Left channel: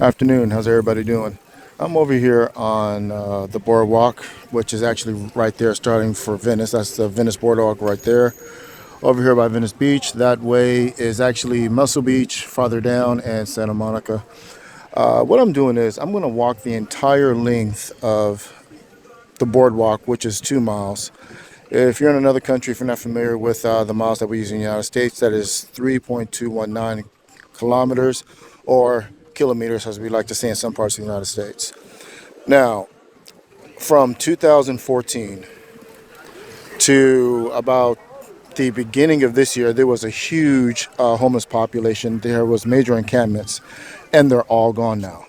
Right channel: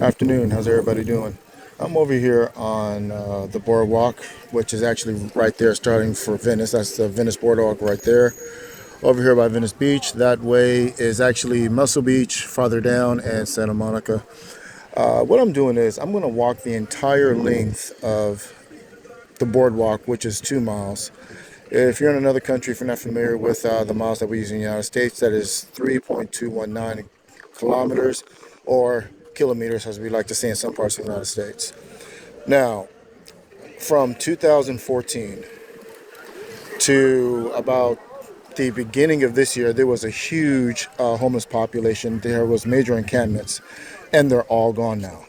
Afternoon. How's everybody doing? I'm over here on the boardwalk, which is actually right there starting for Venice. That's the Venice Boardwalk right there. Over here by Venice Beach. That way is actually Muscle Beach farther down and Santa Monica. What I'm doing is I'm going to walk the entire length of the boardwalk, which is 2 miles. If you're in another country, if you're not familiar with the miles that we use in the United States, that is 3.219 kilometers or kilometers, as we like to say in some parts of the United States. Now, from 2014 to about the beginning of this year, there was a huge homeless population. There was major encampments, and they're all gone now.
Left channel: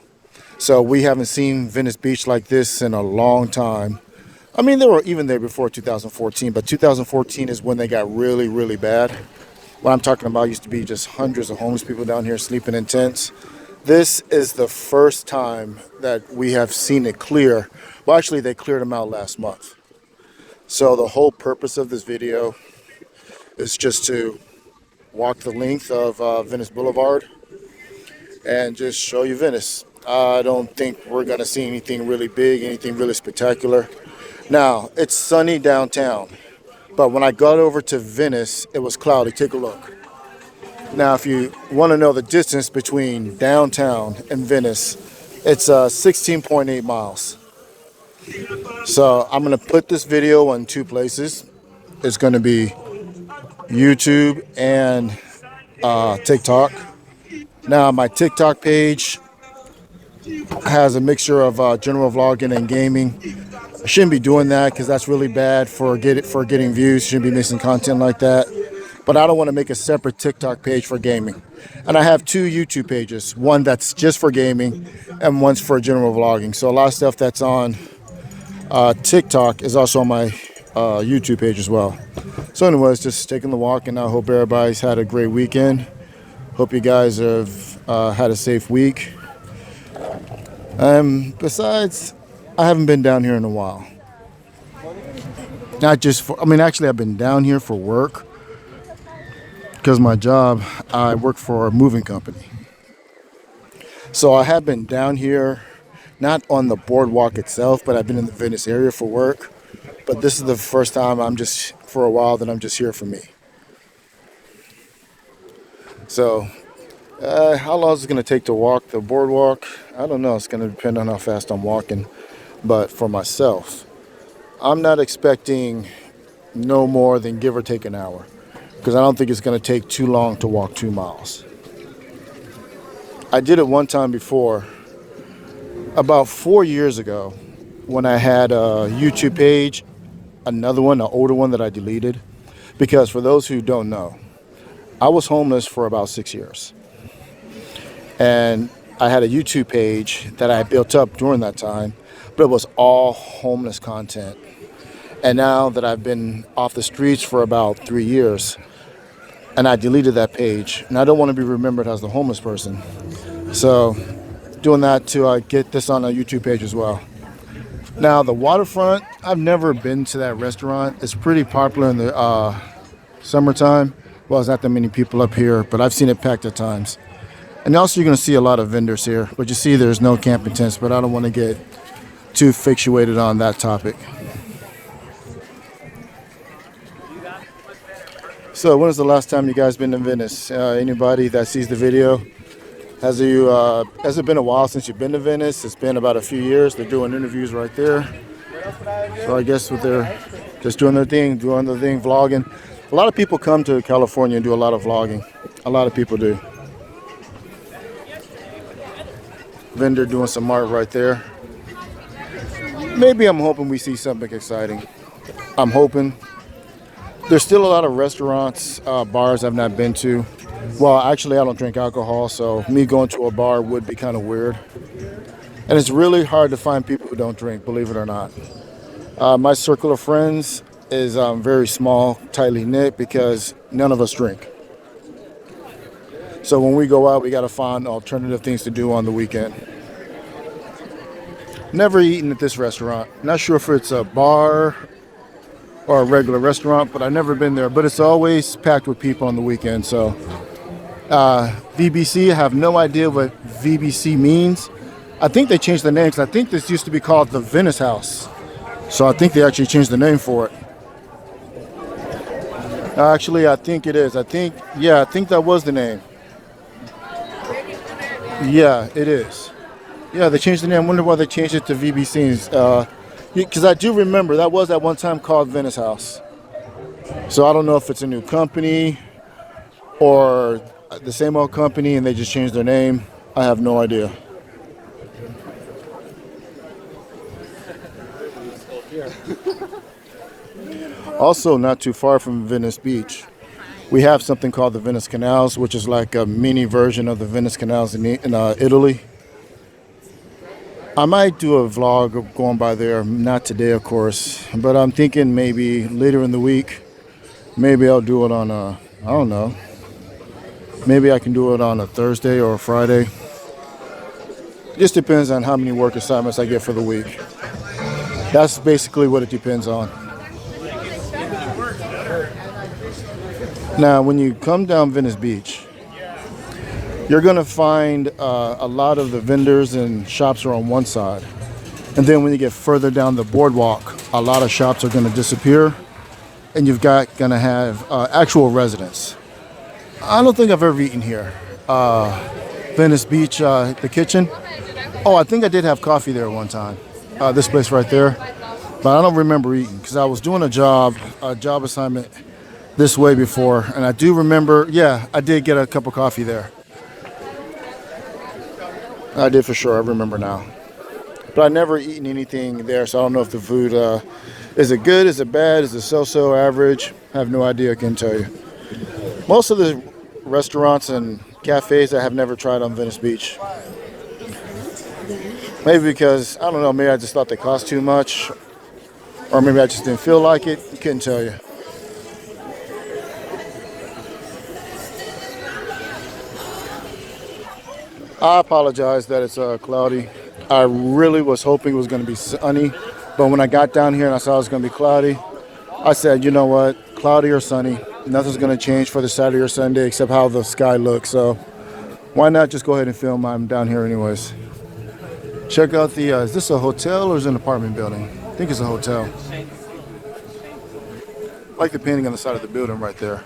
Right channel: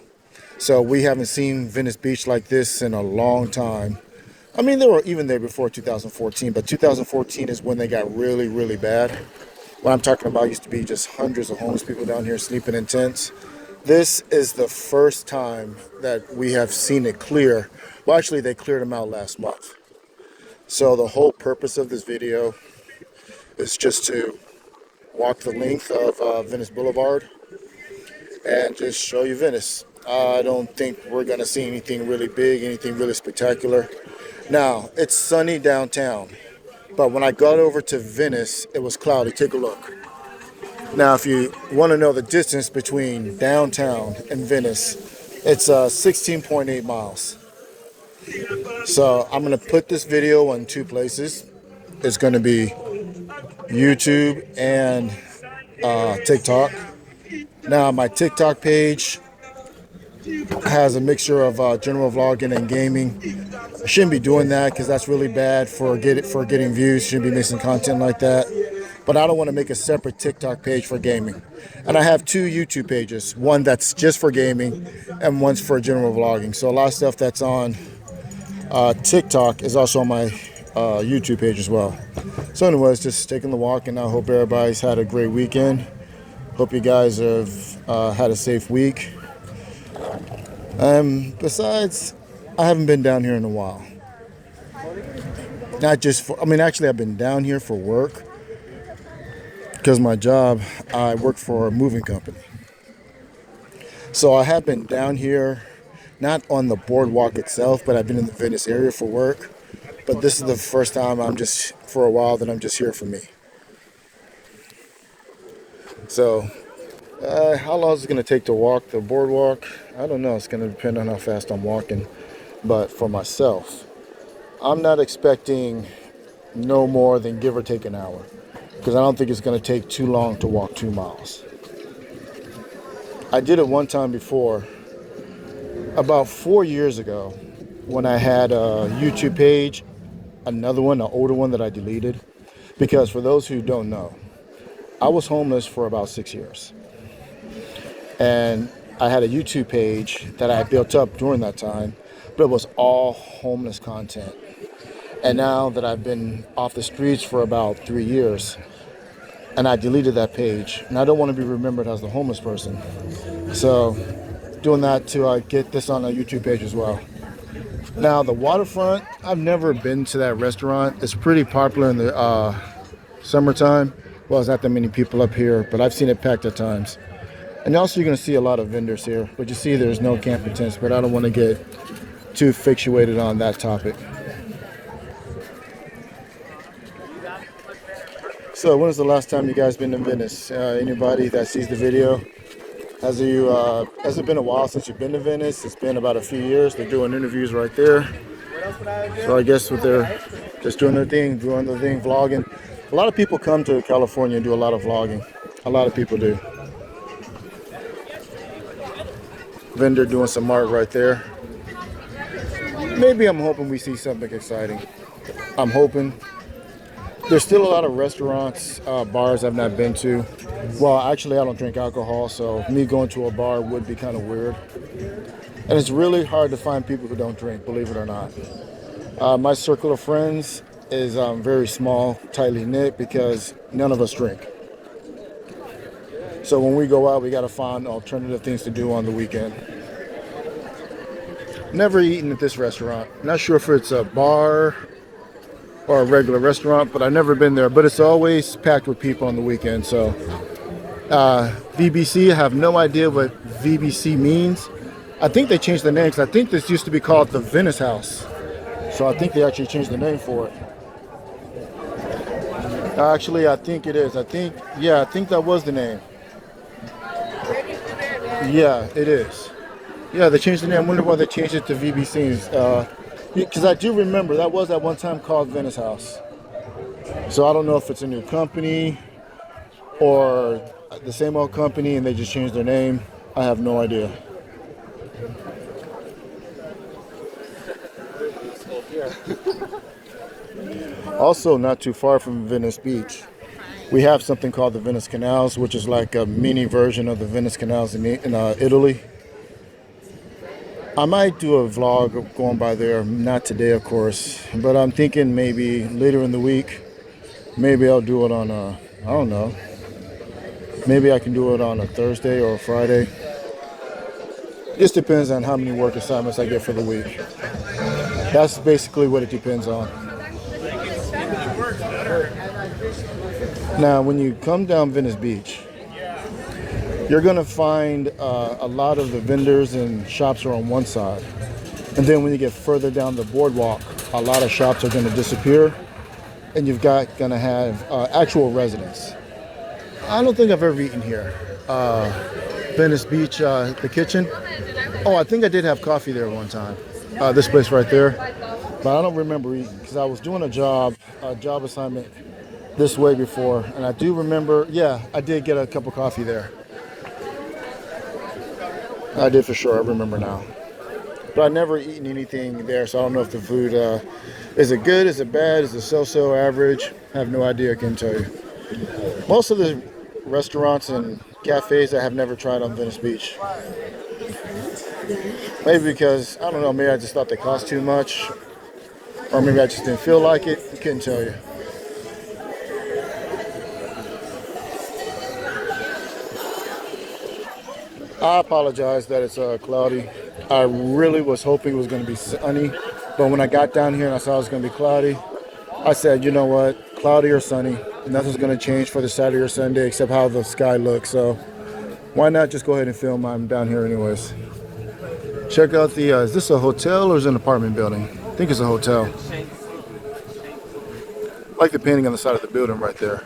So we haven't seen Venice Beach like this in a long time. I mean, they were even there before 2014, but 2014 is when they got really, really bad. What I'm talking about used to be just hundreds of homeless people down here sleeping in tents. This is the first time that we have seen it clear. Well, actually, they cleared them out last month. So the whole purpose of this video is just to walk the length of Venice Boulevard and just show you Venice. I don't think we're going to see anything really big, anything really spectacular. Now, it's sunny downtown, but when I got over to Venice, it was cloudy. Take a look. Now, if you want to know the distance between downtown and Venice, it's 16.8 miles. So I'm going to put this video on two places. It's going to be YouTube and TikTok. Now, my TikTok page has a mixture of general vlogging and gaming. I shouldn't be doing that because that's really bad for getting views. Shouldn't be missing content like that. But I don't want to make a separate TikTok page for gaming. And I have two YouTube pages, one that's just for gaming and one's for general vlogging. So a lot of stuff that's on TikTok is also on my YouTube page as well. So anyways, just taking the walk, and I hope everybody's had a great weekend. Hope you guys have had a safe week. Besides, I haven't been down here in a while. Not just for, I mean, actually I've been down here for work. Because my job, I work for a moving company. So I have been down here, not on the boardwalk itself, but I've been in the Venice area for work. But this is the first time for a while that I'm just here for me. So, how long is it going to take to walk the boardwalk? I don't know. It's going to depend on how fast I'm walking. But for myself, I'm not expecting no more than give or take an hour. Because I don't think it's going to take too long to walk 2 miles. I did it one time before, about 4 years ago, when I had a YouTube page, another one, an older one that I deleted. Because for those who don't know, I was homeless for about 6 years. And I had a YouTube page that I built up during that time, but it was all homeless content. And now that I've been off the streets for about 3 years, and I deleted that page, and I don't want to be remembered as the homeless person. So doing that to get this on a YouTube page as well. Now the waterfront, I've never been to that restaurant. It's pretty popular in the summertime. Well, there's not that many people up here, but I've seen it packed at times. And also you're going to see a lot of vendors here, but you see there's no camping tents, but I don't want to get too fixated on that topic. So when was the last time you guys been to Venice? Anybody that sees the video? Has it been a while since you've been to Venice? It's been about a few years. They're doing interviews right there. So I guess they're just doing their thing, vlogging. A lot of people come to California and do a lot of vlogging. A lot of people do. Vendor doing some art right there. Maybe I'm hoping we see something exciting. I'm hoping. There's still a lot of restaurants, bars I've not been to. Well, actually, I don't drink alcohol, so me going to a bar would be kind of weird. And it's really hard to find people who don't drink, believe it or not. My circle of friends is very small, tightly knit, because none of us drink. So when we go out, we got to find alternative things to do on the weekend. Never eaten at this restaurant. Not sure if it's a bar or a regular restaurant, but I've never been there. But it's always packed with people on the weekend, so VBC, I have no idea what VBC means. I think they changed the name because I think this used to be called the Venice House. So I think they actually changed the name for it. Actually, I think it is. Yeah, I think that was the name. Yeah, it is. Yeah, they changed the name. I wonder why they changed it to VBC's. Because I do remember that was at one time called Venice House. So I don't know if it's a new company or the same old company and they just changed their name. I have no idea. Also, not too far from Venice Beach, we have something called the Venice Canals, which is like a mini version of the Venice Canals in Italy. I might do a vlog of going by there, not today, of course, but I'm thinking maybe later in the week. Maybe I'll do it on I don't know. Maybe I can do it on a Thursday or a Friday. Just depends on how many work assignments I get for the week. That's basically what it depends on. Now, when you come down Venice Beach, you're going to find a lot of the vendors and shops are on one side. And then when you get further down the boardwalk, a lot of shops are going to disappear. And you've got going to have actual residents. I don't think I've ever eaten here. Venice Beach, the kitchen. Oh, I think I did have coffee there one time. This place right there. But I don't remember eating because I was doing a job assignment this way before. And I do remember, yeah, I did get a cup of coffee there. I did for sure. I remember now. But I've never eaten anything there, so I don't know if the food, is it good, is it bad, is it so-so, average? I have no idea, I can tell you. Most of the restaurants and cafes I have never tried on Venice Beach. Maybe because, I don't know, maybe I just thought they cost too much. Or maybe I just didn't feel like it. I couldn't tell you. I apologize that it's cloudy. I really was hoping it was going to be sunny. But when I got down here and I saw it was going to be cloudy, I said, you know what, cloudy or sunny, nothing's going to change for the Saturday or Sunday except how the sky looks. So why not just go ahead and film? I'm down here anyways. Check out the, is this a hotel or is it an apartment building? I think it's a hotel. I like the painting on the side of the building right there.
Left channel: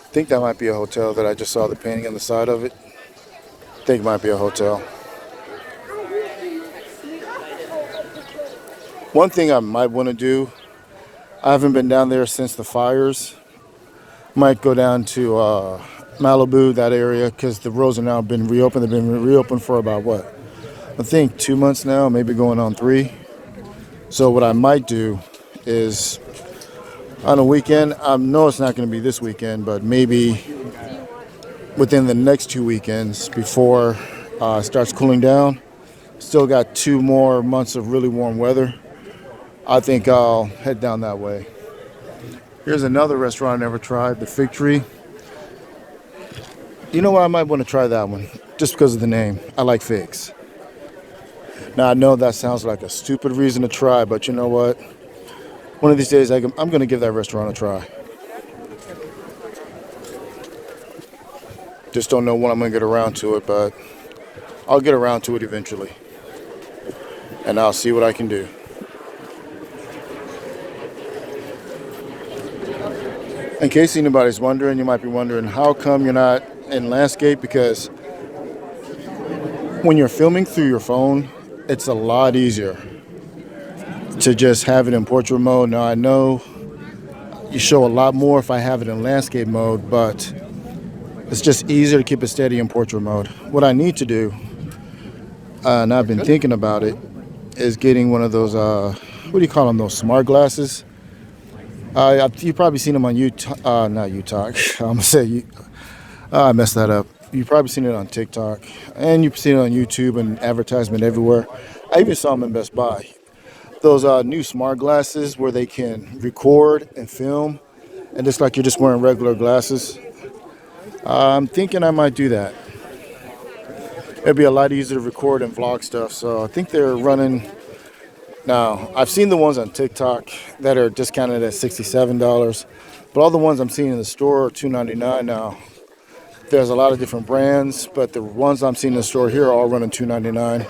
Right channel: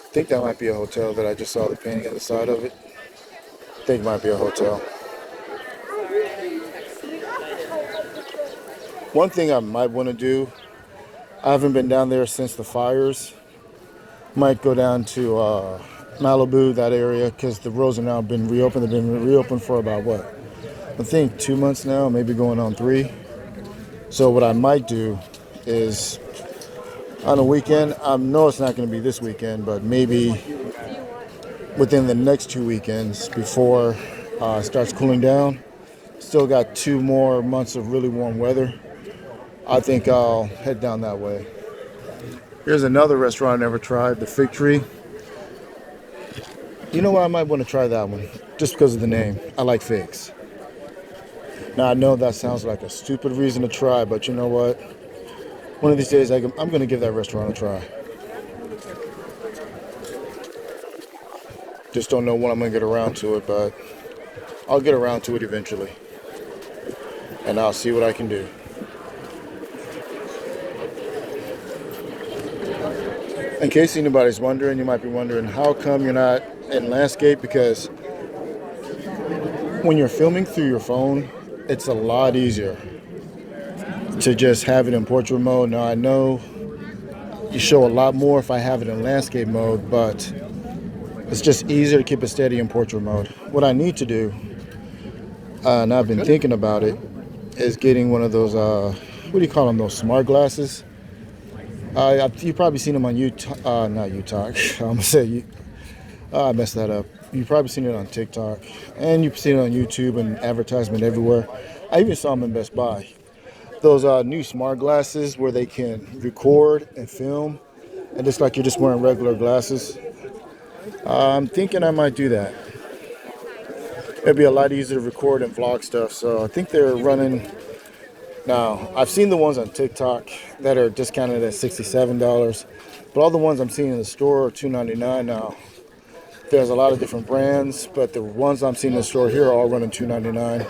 I think that might be a hotel that I just saw the painting on the side of it. I think it might be a hotel. One thing I might want to do, I haven't been down there since the fires. Might go down to Malibu, that area, because the roads have now been reopened. They've been reopened for about what? I think 2 months now, maybe going on 3. So what I might do is on a weekend, I know it's not going to be this weekend, but maybe within the next 2 weekends before it starts cooling down. Still got 2 more months of really warm weather. I think I'll head down that way. Here's another restaurant I never tried, the Fig Tree. You know what? I might want to try that one just because of the name. I like figs. Now, I know that sounds like a stupid reason to try, but you know what? One of these days, I'm going to give that restaurant a try. Just don't know when I'm going to get around to it, but I'll get around to it eventually. And I'll see what I can do. In case anybody's wondering, you might be wondering, how come you're not in landscape? Because when you're filming through your phone, it's a lot easier to just have it in portrait mode. Now, I know you show a lot more if I have it in landscape mode, but it's just easier to keep it steady in portrait mode. What I need to do, and I've been thinking about it, is getting one of those, what do you call them, those smart glasses? You've probably seen them on YouTube, not YouTube, I'm going to say, I messed that up. You've probably seen it on TikTok, and you've seen it on YouTube and advertisement everywhere. I even saw them in Best Buy. Those new smart glasses where they can record and film, and it's like you're just wearing regular glasses. I'm thinking I might do that. It'd be a lot easier to record and vlog stuff. So I think they're running now. I've seen the ones on TikTok that are discounted at $67, but all the ones I'm seeing in the store are $2.99 now. There's a lot of different brands, but the ones I'm seeing in the store here are all running $2.99.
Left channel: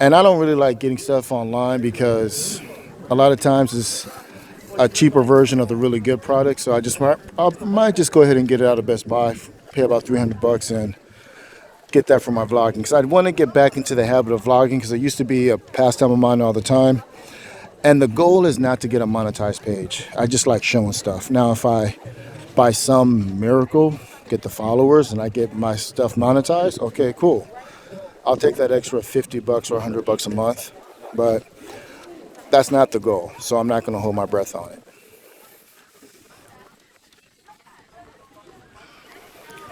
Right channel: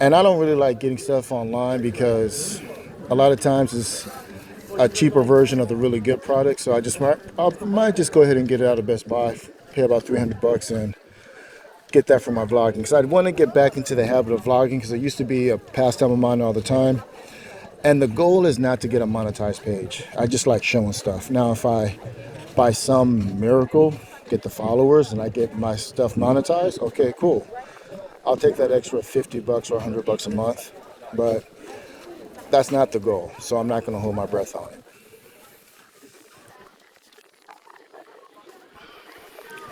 And I don't really like getting stuff online because a lot of times it's a cheaper version of the really good product. So I might just go ahead and get it out of Best Buy, pay about $300 and get that for my vlogging. Because I want to get back into the habit of vlogging because it used to be a pastime of mine all the time. And the goal is not to get a monetized page. I just like showing stuff. Now, if I, by some miracle, get the followers and I get my stuff monetized, okay, cool. I'll take that extra $50 or $100 a month. But that's not the goal. So I'm not going to hold my breath on it.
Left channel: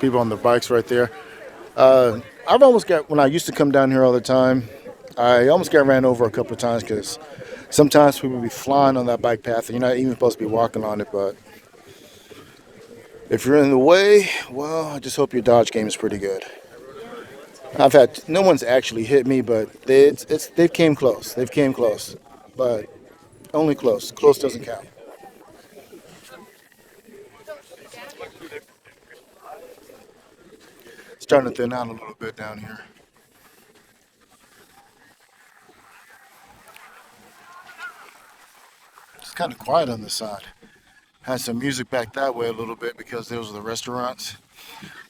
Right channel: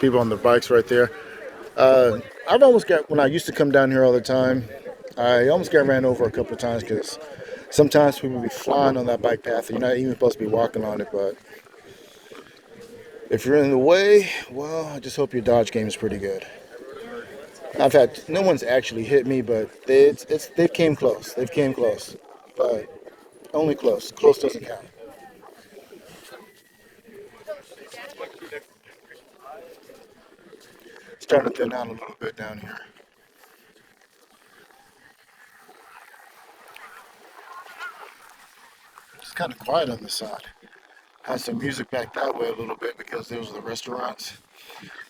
People on the bikes right there. I've almost got, when I used to come down here all the time, I almost got ran over a couple of times because sometimes people be flying on that bike path and you're not even supposed to be walking on it. But if you're in the way, well, I just hope your dodge game is pretty good. I've had, no one's actually hit me, but they've came close. They've came close, but only close. Close doesn't count. It's starting to thin out a little bit down here. It's kind of quiet on this side. Had some music back that way a little bit because those are the restaurants.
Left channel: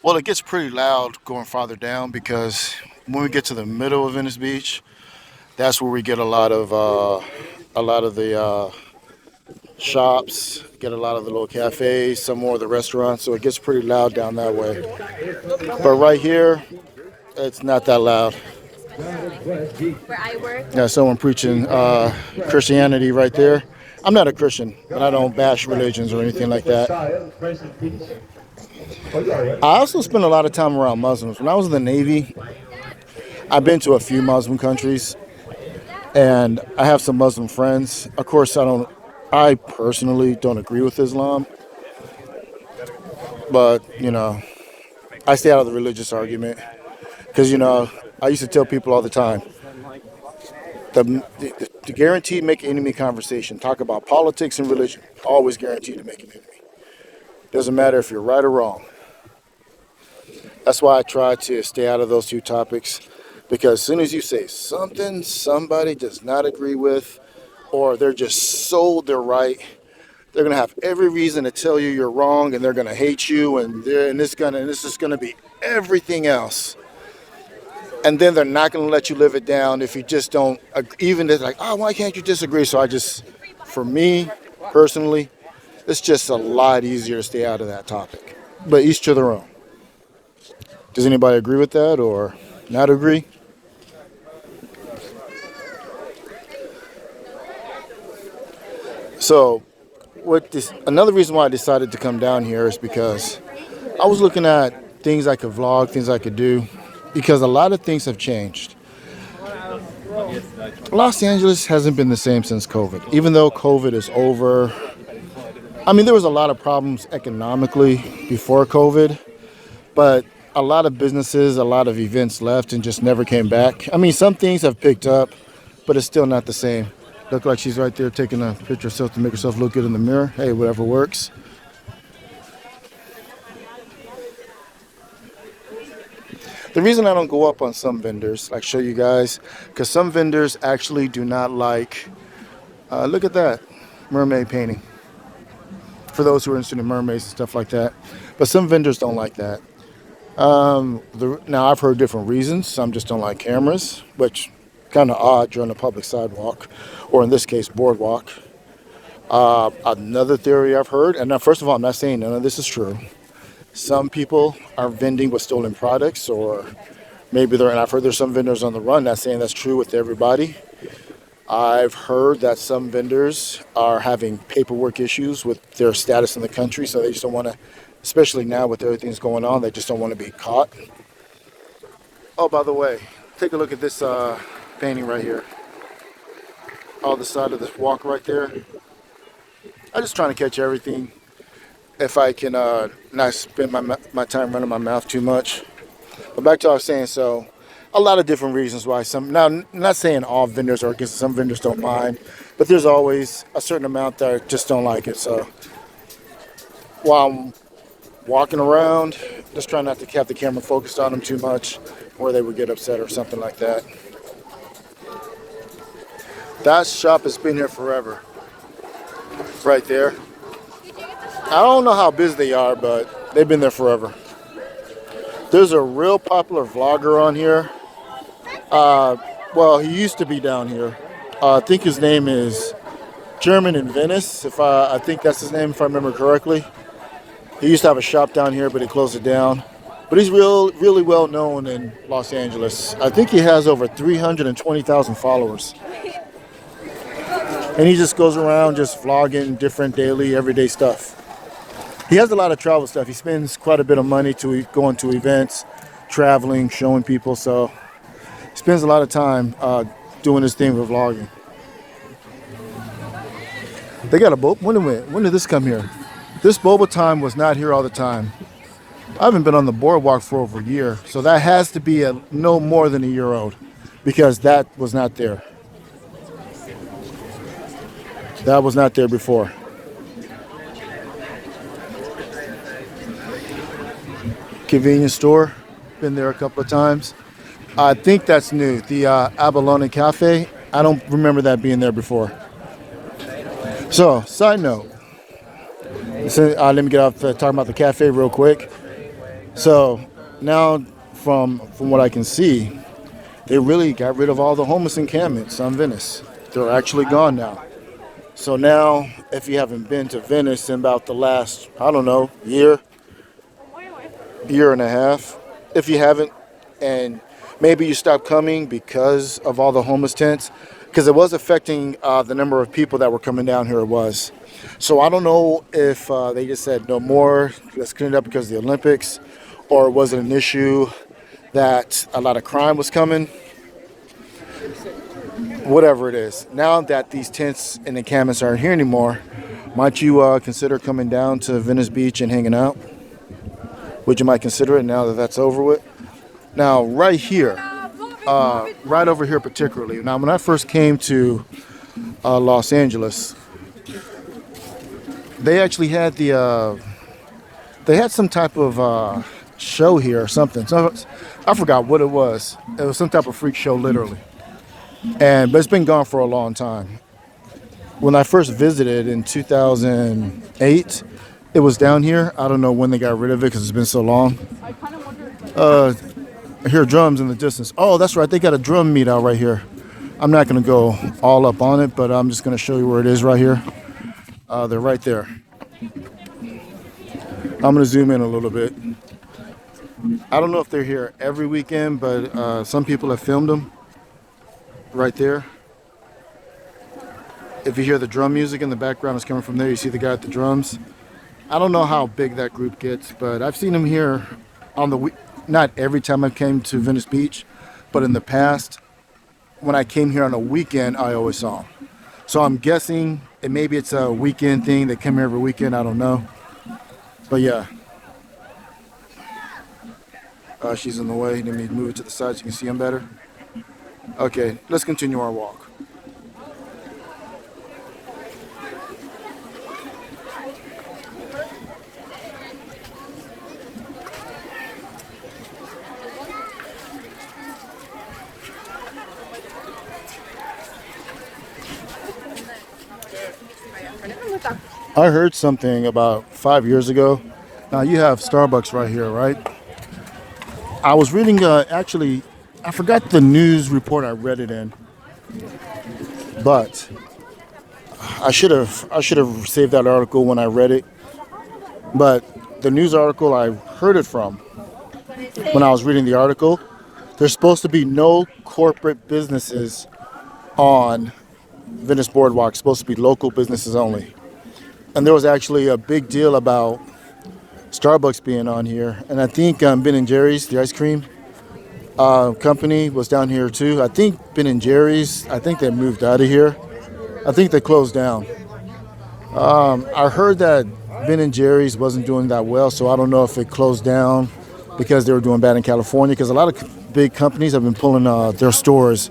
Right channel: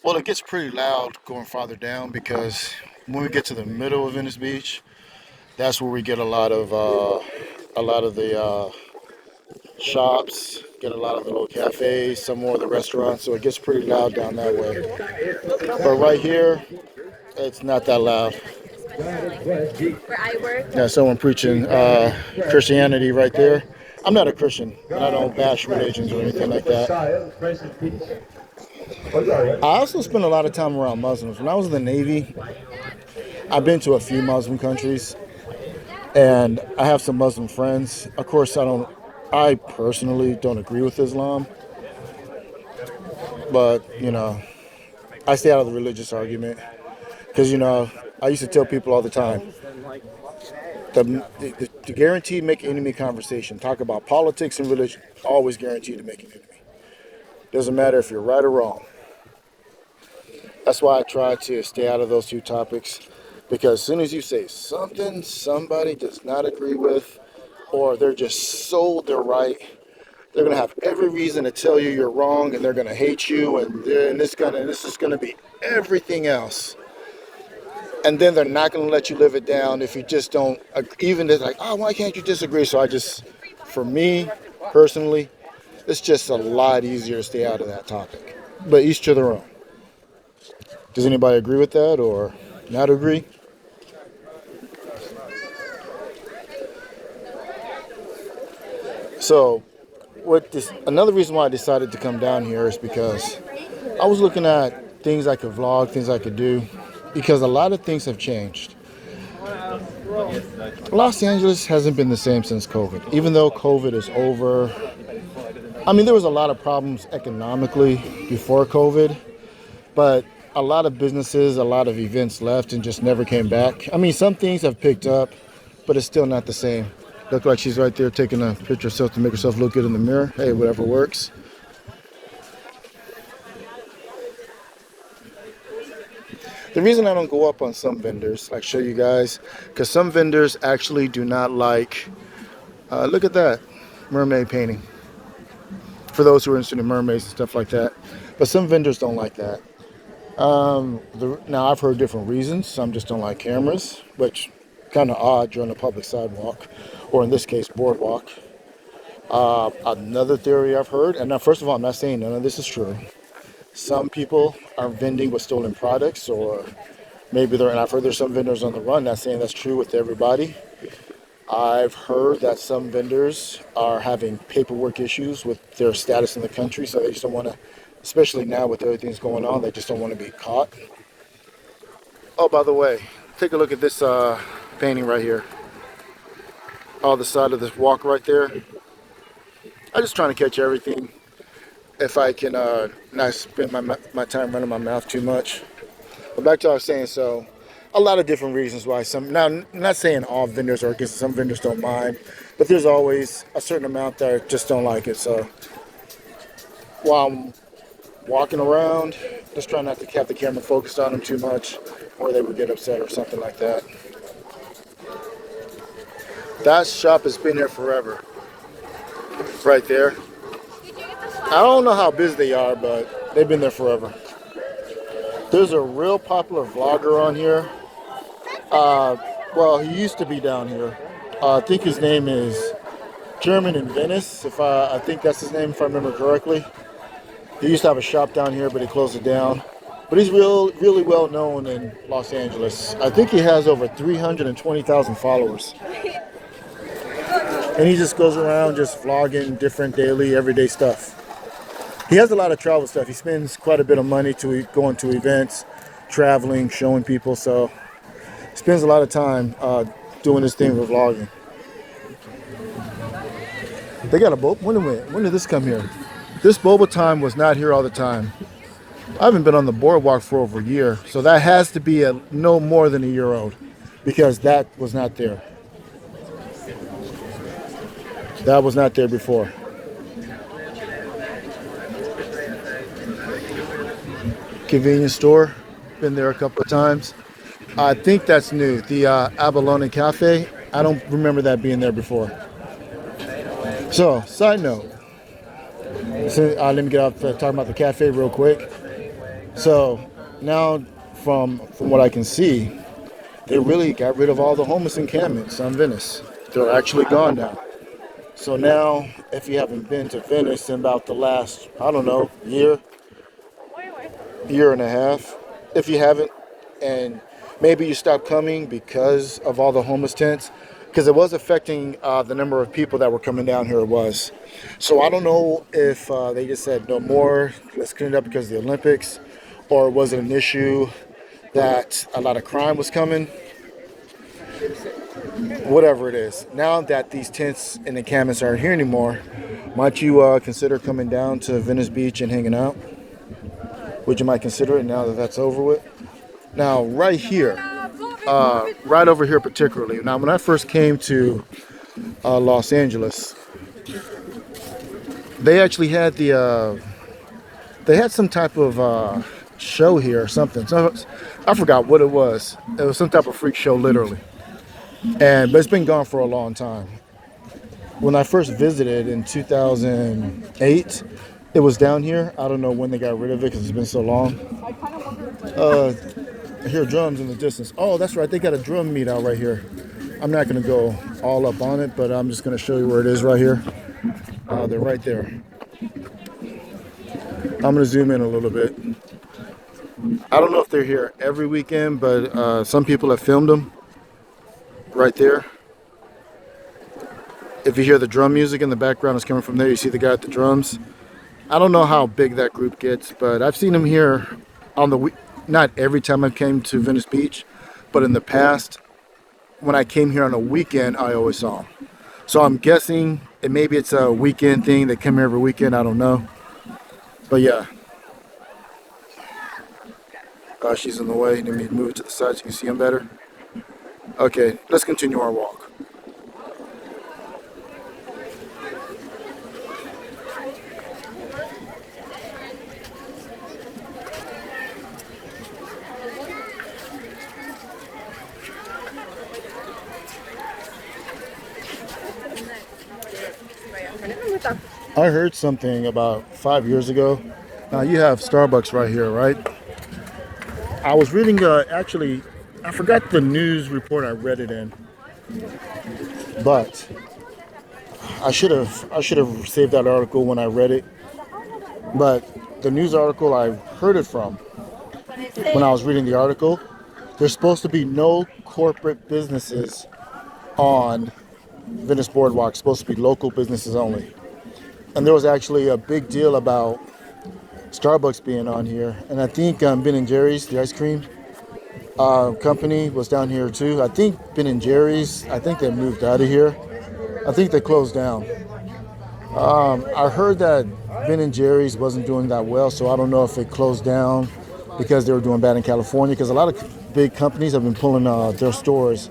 Well, it gets pretty loud going farther down because when we get to the middle of Venice Beach, that's where we get a lot of the shops, get a lot of the little cafes, some more of the restaurants. So it gets pretty loud down that way. But right here, it's not that loud. Yeah, someone preaching Christianity right there. I'm not a Christian, and I don't bash religions or anything like that. I also spend a lot of time around Muslims. When I was in the Navy, I've been to a few Muslim countries, and I have some Muslim friends. Of course, I personally don't agree with Islam, but, I stay out of the religious argument because, I used to tell people all the time, the guaranteed make enemy conversation, talk about politics and religion, always guaranteed to make an enemy. Doesn't matter if you're right or wrong. That's why I try to stay out of those two topics, because as soon as you say something somebody does not agree with, or they're just sold they're right, they're gonna have every reason to tell you you're wrong, and they're gonna hate you, and this is gonna be everything else. And then they're not gonna let you live it down if you just don't. Even it's like, oh, why can't you disagree? So for me personally, it's just a lot easier to stay out of that topic. But each to their own. Does anybody agree with that or not agree? So, another reason why I decided to come down here is because I was looking at things I could vlog, things I could do, because a lot of things have changed. Los Angeles hasn't been the same since COVID. Even though COVID is over, I mean, there was a lot of problems economically before COVID, but a lot of businesses, a lot of events left and just never came back. I mean, some things have picked up, but it's still not the same. Look like she's right there taking a picture of herself to make herself look good in the mirror. Hey, whatever works. The reason I don't go up on some vendors, like show you guys, because some vendors actually do not like, look at that, mermaid painting. For those who are interested in mermaids and stuff like that. But some vendors don't like that. Now, I've heard different reasons. Some just don't like cameras, which kind of odd during a public sidewalk, or in this case, boardwalk. Another theory I've heard, and now, first of all, I'm not saying none of this is true. Some people are vending with stolen products, or maybe and I've heard there's some vendors on the run. Not saying that's true with everybody. I've heard that some vendors are having paperwork issues with their status in the country, so they just don't want to, especially now with everything that's going on, they just don't want to be caught. Oh, by the way, take a look at this painting right here. On the side of this walk right there. I'm just trying to catch everything. If I can not spend my time running my mouth too much. But back to what I was saying, so a lot of different reasons why some. Now, not saying all vendors are, because some vendors don't mind, but there's always a certain amount that just don't like it. So while I'm walking around, just trying not to have the camera focused on them too much, or they would get upset or something like that. That shop has been here forever. Right there. I don't know how busy they are, but they've been there forever. There's a real popular vlogger on here. Well, he used to be down here. I think his name is German in Venice. If I think that's his name, if I remember correctly. He used to have a shop down here, but he closed it down. But he's really well known in Los Angeles. I think he has over 320,000 followers. And he just goes around just vlogging different daily, everyday stuff. He has a lot of travel stuff. He spends quite a bit of money going to events, traveling, showing people. So he spends a lot of time doing this thing with vlogging. They got a boat. When did this come here? This boba time was not here all the time. I haven't been on the boardwalk for over a year. So that has to be no more than a year old, because that was not there. That was not there before. Convenience store, been there a couple of times. I think that's new. The Abalone Cafe, I don't remember that being there before. So, side note. So, let me get off talking about the cafe real quick. So, now from what I can see, they really got rid of all the homeless encampments on Venice. They're actually gone now. So now, if you haven't been to Venice in about the last, I don't know, year and a half, if you haven't, and maybe you stopped coming because of all the homeless tents, because it was affecting the number of people that were coming down here. It was. So I don't know if they just said no more, let's clean it up because of the Olympics, or was it an issue that a lot of crime was coming? Whatever it is. Now that these tents and encampments aren't here anymore, might you consider coming down to Venice Beach and hanging out? Would you might consider it now that that's over with? Now, right here, right over here particularly. Now, when I first came to Los Angeles, they actually had they had some type of show here or something. So I forgot what it was. It was some type of freak show, literally. But it's been gone for a long time. When I first visited in 2008, it was down here. I don't know when they got rid of it because it's been so long. I hear drums in the distance. Oh, that's right. They got a drum meet out right here. I'm not going to go all up on it, but I'm just going to show you where it is right here. They're right there. I'm going to zoom in a little bit. I don't know if they're here every weekend, but some people have filmed them. Right there. If you hear the drum music in the background, it's coming from there. You see the guy at the drums. I don't know how big that group gets, but I've seen them here on the week. Not every time I came to Venice Beach, but in the past, when I came here on a weekend, I always saw them. So I'm guessing, and maybe it's a weekend thing. They come here every weekend. I don't know. But yeah. She's in the way. Let me move it to the side so you can see them better. Okay, let's continue our walk. I heard something about 5 years ago. Now you have Starbucks right here, right? I was reading, actually, I forgot the news report I read it in, but I should have saved that article when I read it. But the news article I heard it from, when I was reading the article, there's supposed to be no corporate businesses on Venice Boardwalk. It's supposed to be local businesses only. And there was actually a big deal about Starbucks being on here, and I think Ben & Jerry's, the ice cream company, was down here too. I think Ben & Jerry's, I think they moved out of here. I think they closed down. I heard that Ben & Jerry's wasn't doing that well, so I don't know if it closed down because they were doing bad in California, because a lot of big companies have been pulling their stores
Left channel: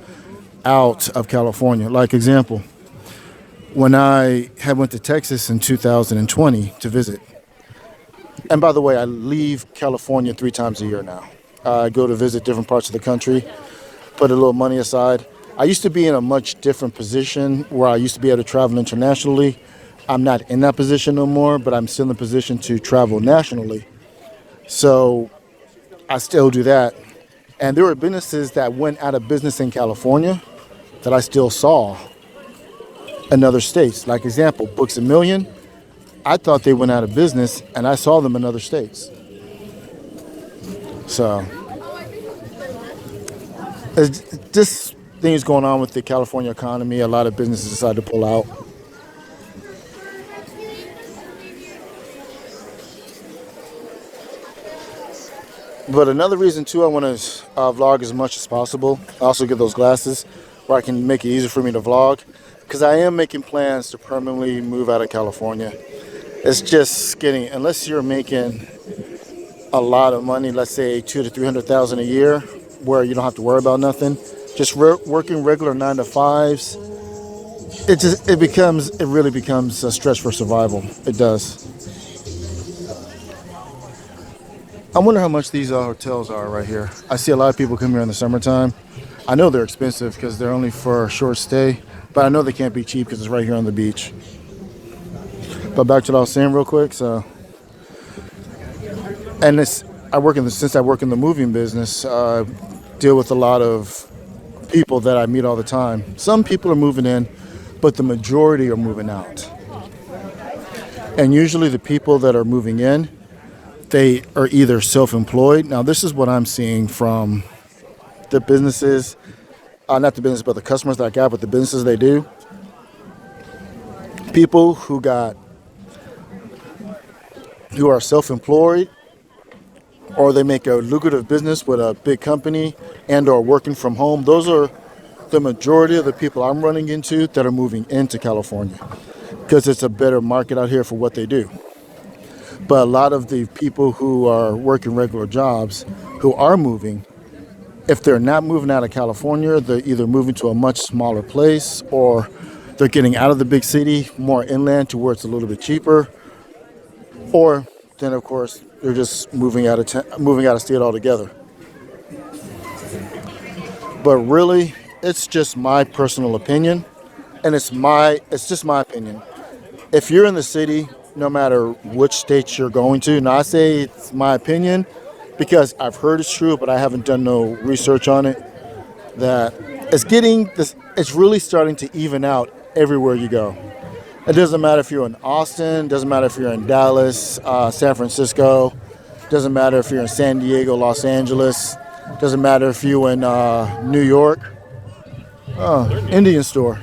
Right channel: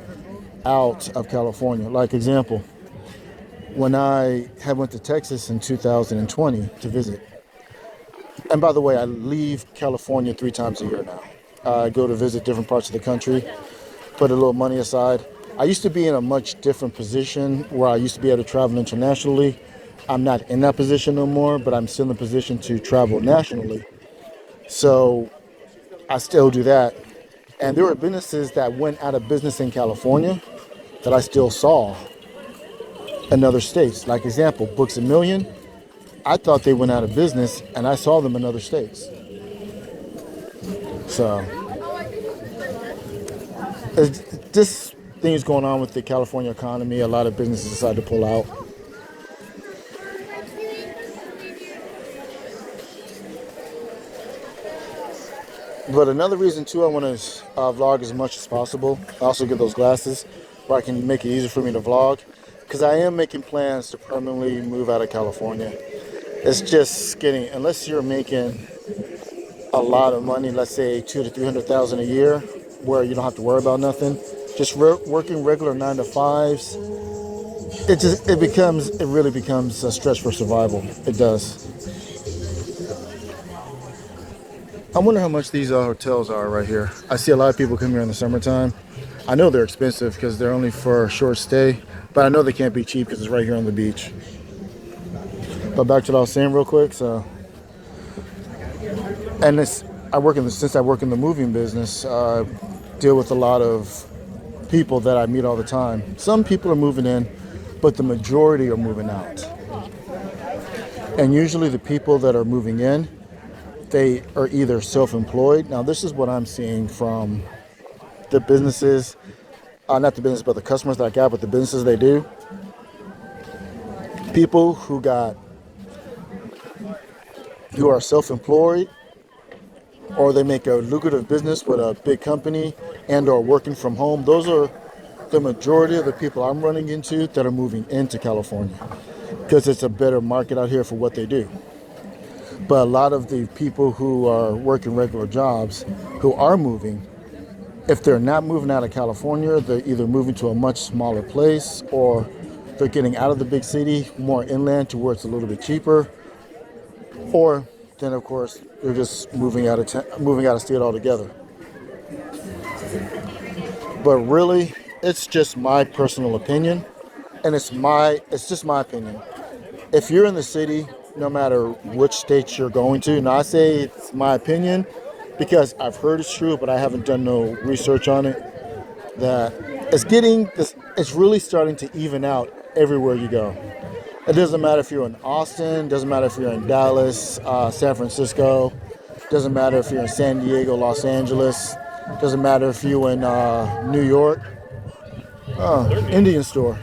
out of California. Like example, when I had went to Texas in 2020 to visit, and by the way, I leave California 3 times a year now. I go to visit different parts of the country, put a little money aside. I used to be in a much different position where I used to be able to travel internationally. I'm not in that position no more, but I'm still in the position to travel nationally. So I still do that. And there were businesses that went out of business in California that I still saw in other states. Like example, Books A Million. I thought they went out of business and I saw them in other states. So it's just things going on with the California economy. A lot of businesses decide to pull out. But another reason too, I want to vlog as much as possible. I also get those glasses where I can make it easier for me to vlog, because I am making plans to permanently move out of California. It's just getting, unless you're making a lot of money, let's say 200,000 to 300,000 a year, where you don't have to worry about nothing. Just working regular 9 to 5s, it really becomes a stretch for survival. It does. I wonder how much these hotels are right here. I see a lot of people come here in the summertime. I know they're expensive because they're only for a short stay, but I know they can't be cheap because it's right here on the beach. But back to what I was saying real quick. So, and since I work in the moving business, deal with a lot of people that I meet all the time. Some people are moving in, but the majority are moving out. And usually the people that are moving in, they are either self-employed. Now, this is what I'm seeing from the businesses, not the business, but the customers that I got, but the businesses they do. People who are self-employed, or they make a lucrative business with a big company and are working from home. Those are the majority of the people I'm running into that are moving into California, because it's a better market out here for what they do. But a lot of the people who are working regular jobs, who are moving, if they're not moving out of California, they're either moving to a much smaller place, or they're getting out of the big city, more inland to where it's a little bit cheaper, or then of course they're just moving out of state altogether. But really, it's just my personal opinion, and it's just my opinion. If you're in the city, no matter which state you're going to, and I say it's my opinion because I've heard it's true, but I haven't done no research on it, that it's really starting to even out everywhere you go. It doesn't matter if you're in Austin, doesn't matter if you're in Dallas, San Francisco, doesn't matter if you're in San Diego, Los Angeles, doesn't matter if you're in New York. Oh, Indian store.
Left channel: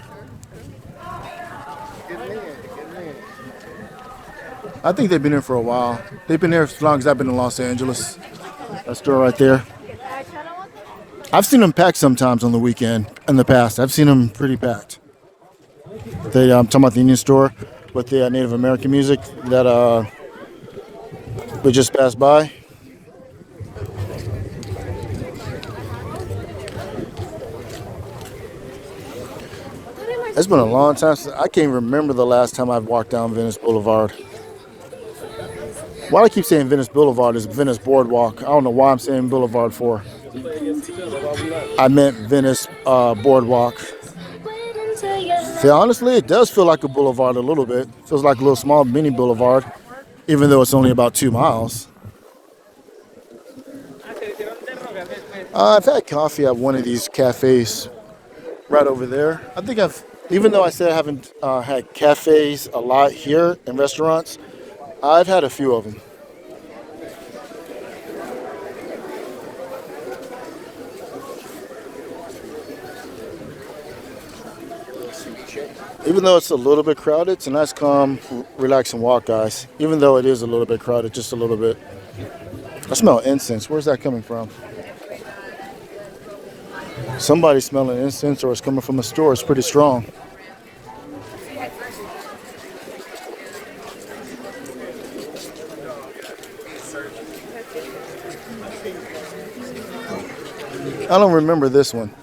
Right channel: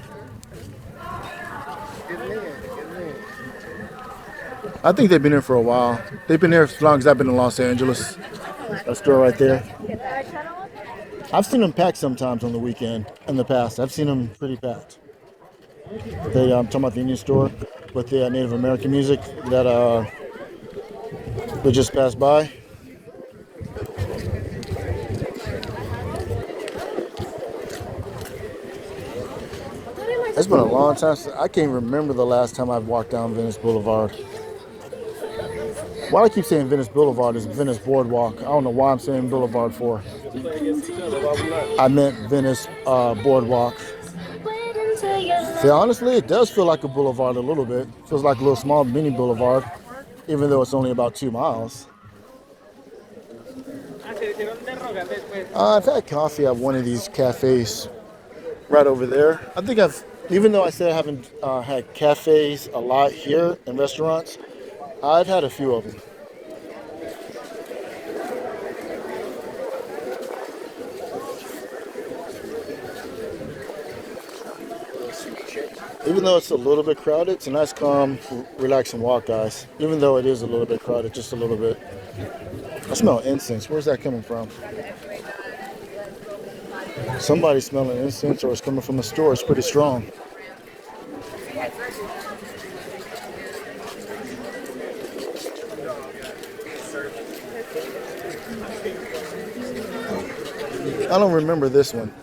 I think they've been here for a while. They've been here as long as I've been in Los Angeles. That store right there. I've seen them packed sometimes on the weekend in the past. I've seen them pretty packed. I'm talking about the Indian store with the Native American music that we just passed by. It's been a long time since I can't remember the last time I've walked down Venice Boulevard. Why do I keep saying Venice Boulevard is Venice Boardwalk? I don't know why I'm saying Boulevard for. I meant Venice Boardwalk. See, honestly, it does feel like a boulevard a little bit. It feels like a little small mini boulevard, even though it's only about 2 miles. I've had coffee at one of these cafes right over there. Even though I said I haven't had cafes a lot here in restaurants, I've had a few of them. Even though it's a little bit crowded, it's a nice, calm, relaxing walk, guys. Even though it is a little bit crowded, just a little bit. I smell incense. Where's that coming from? Somebody's smelling incense, or it's coming from a store. It's pretty strong. I don't remember this one.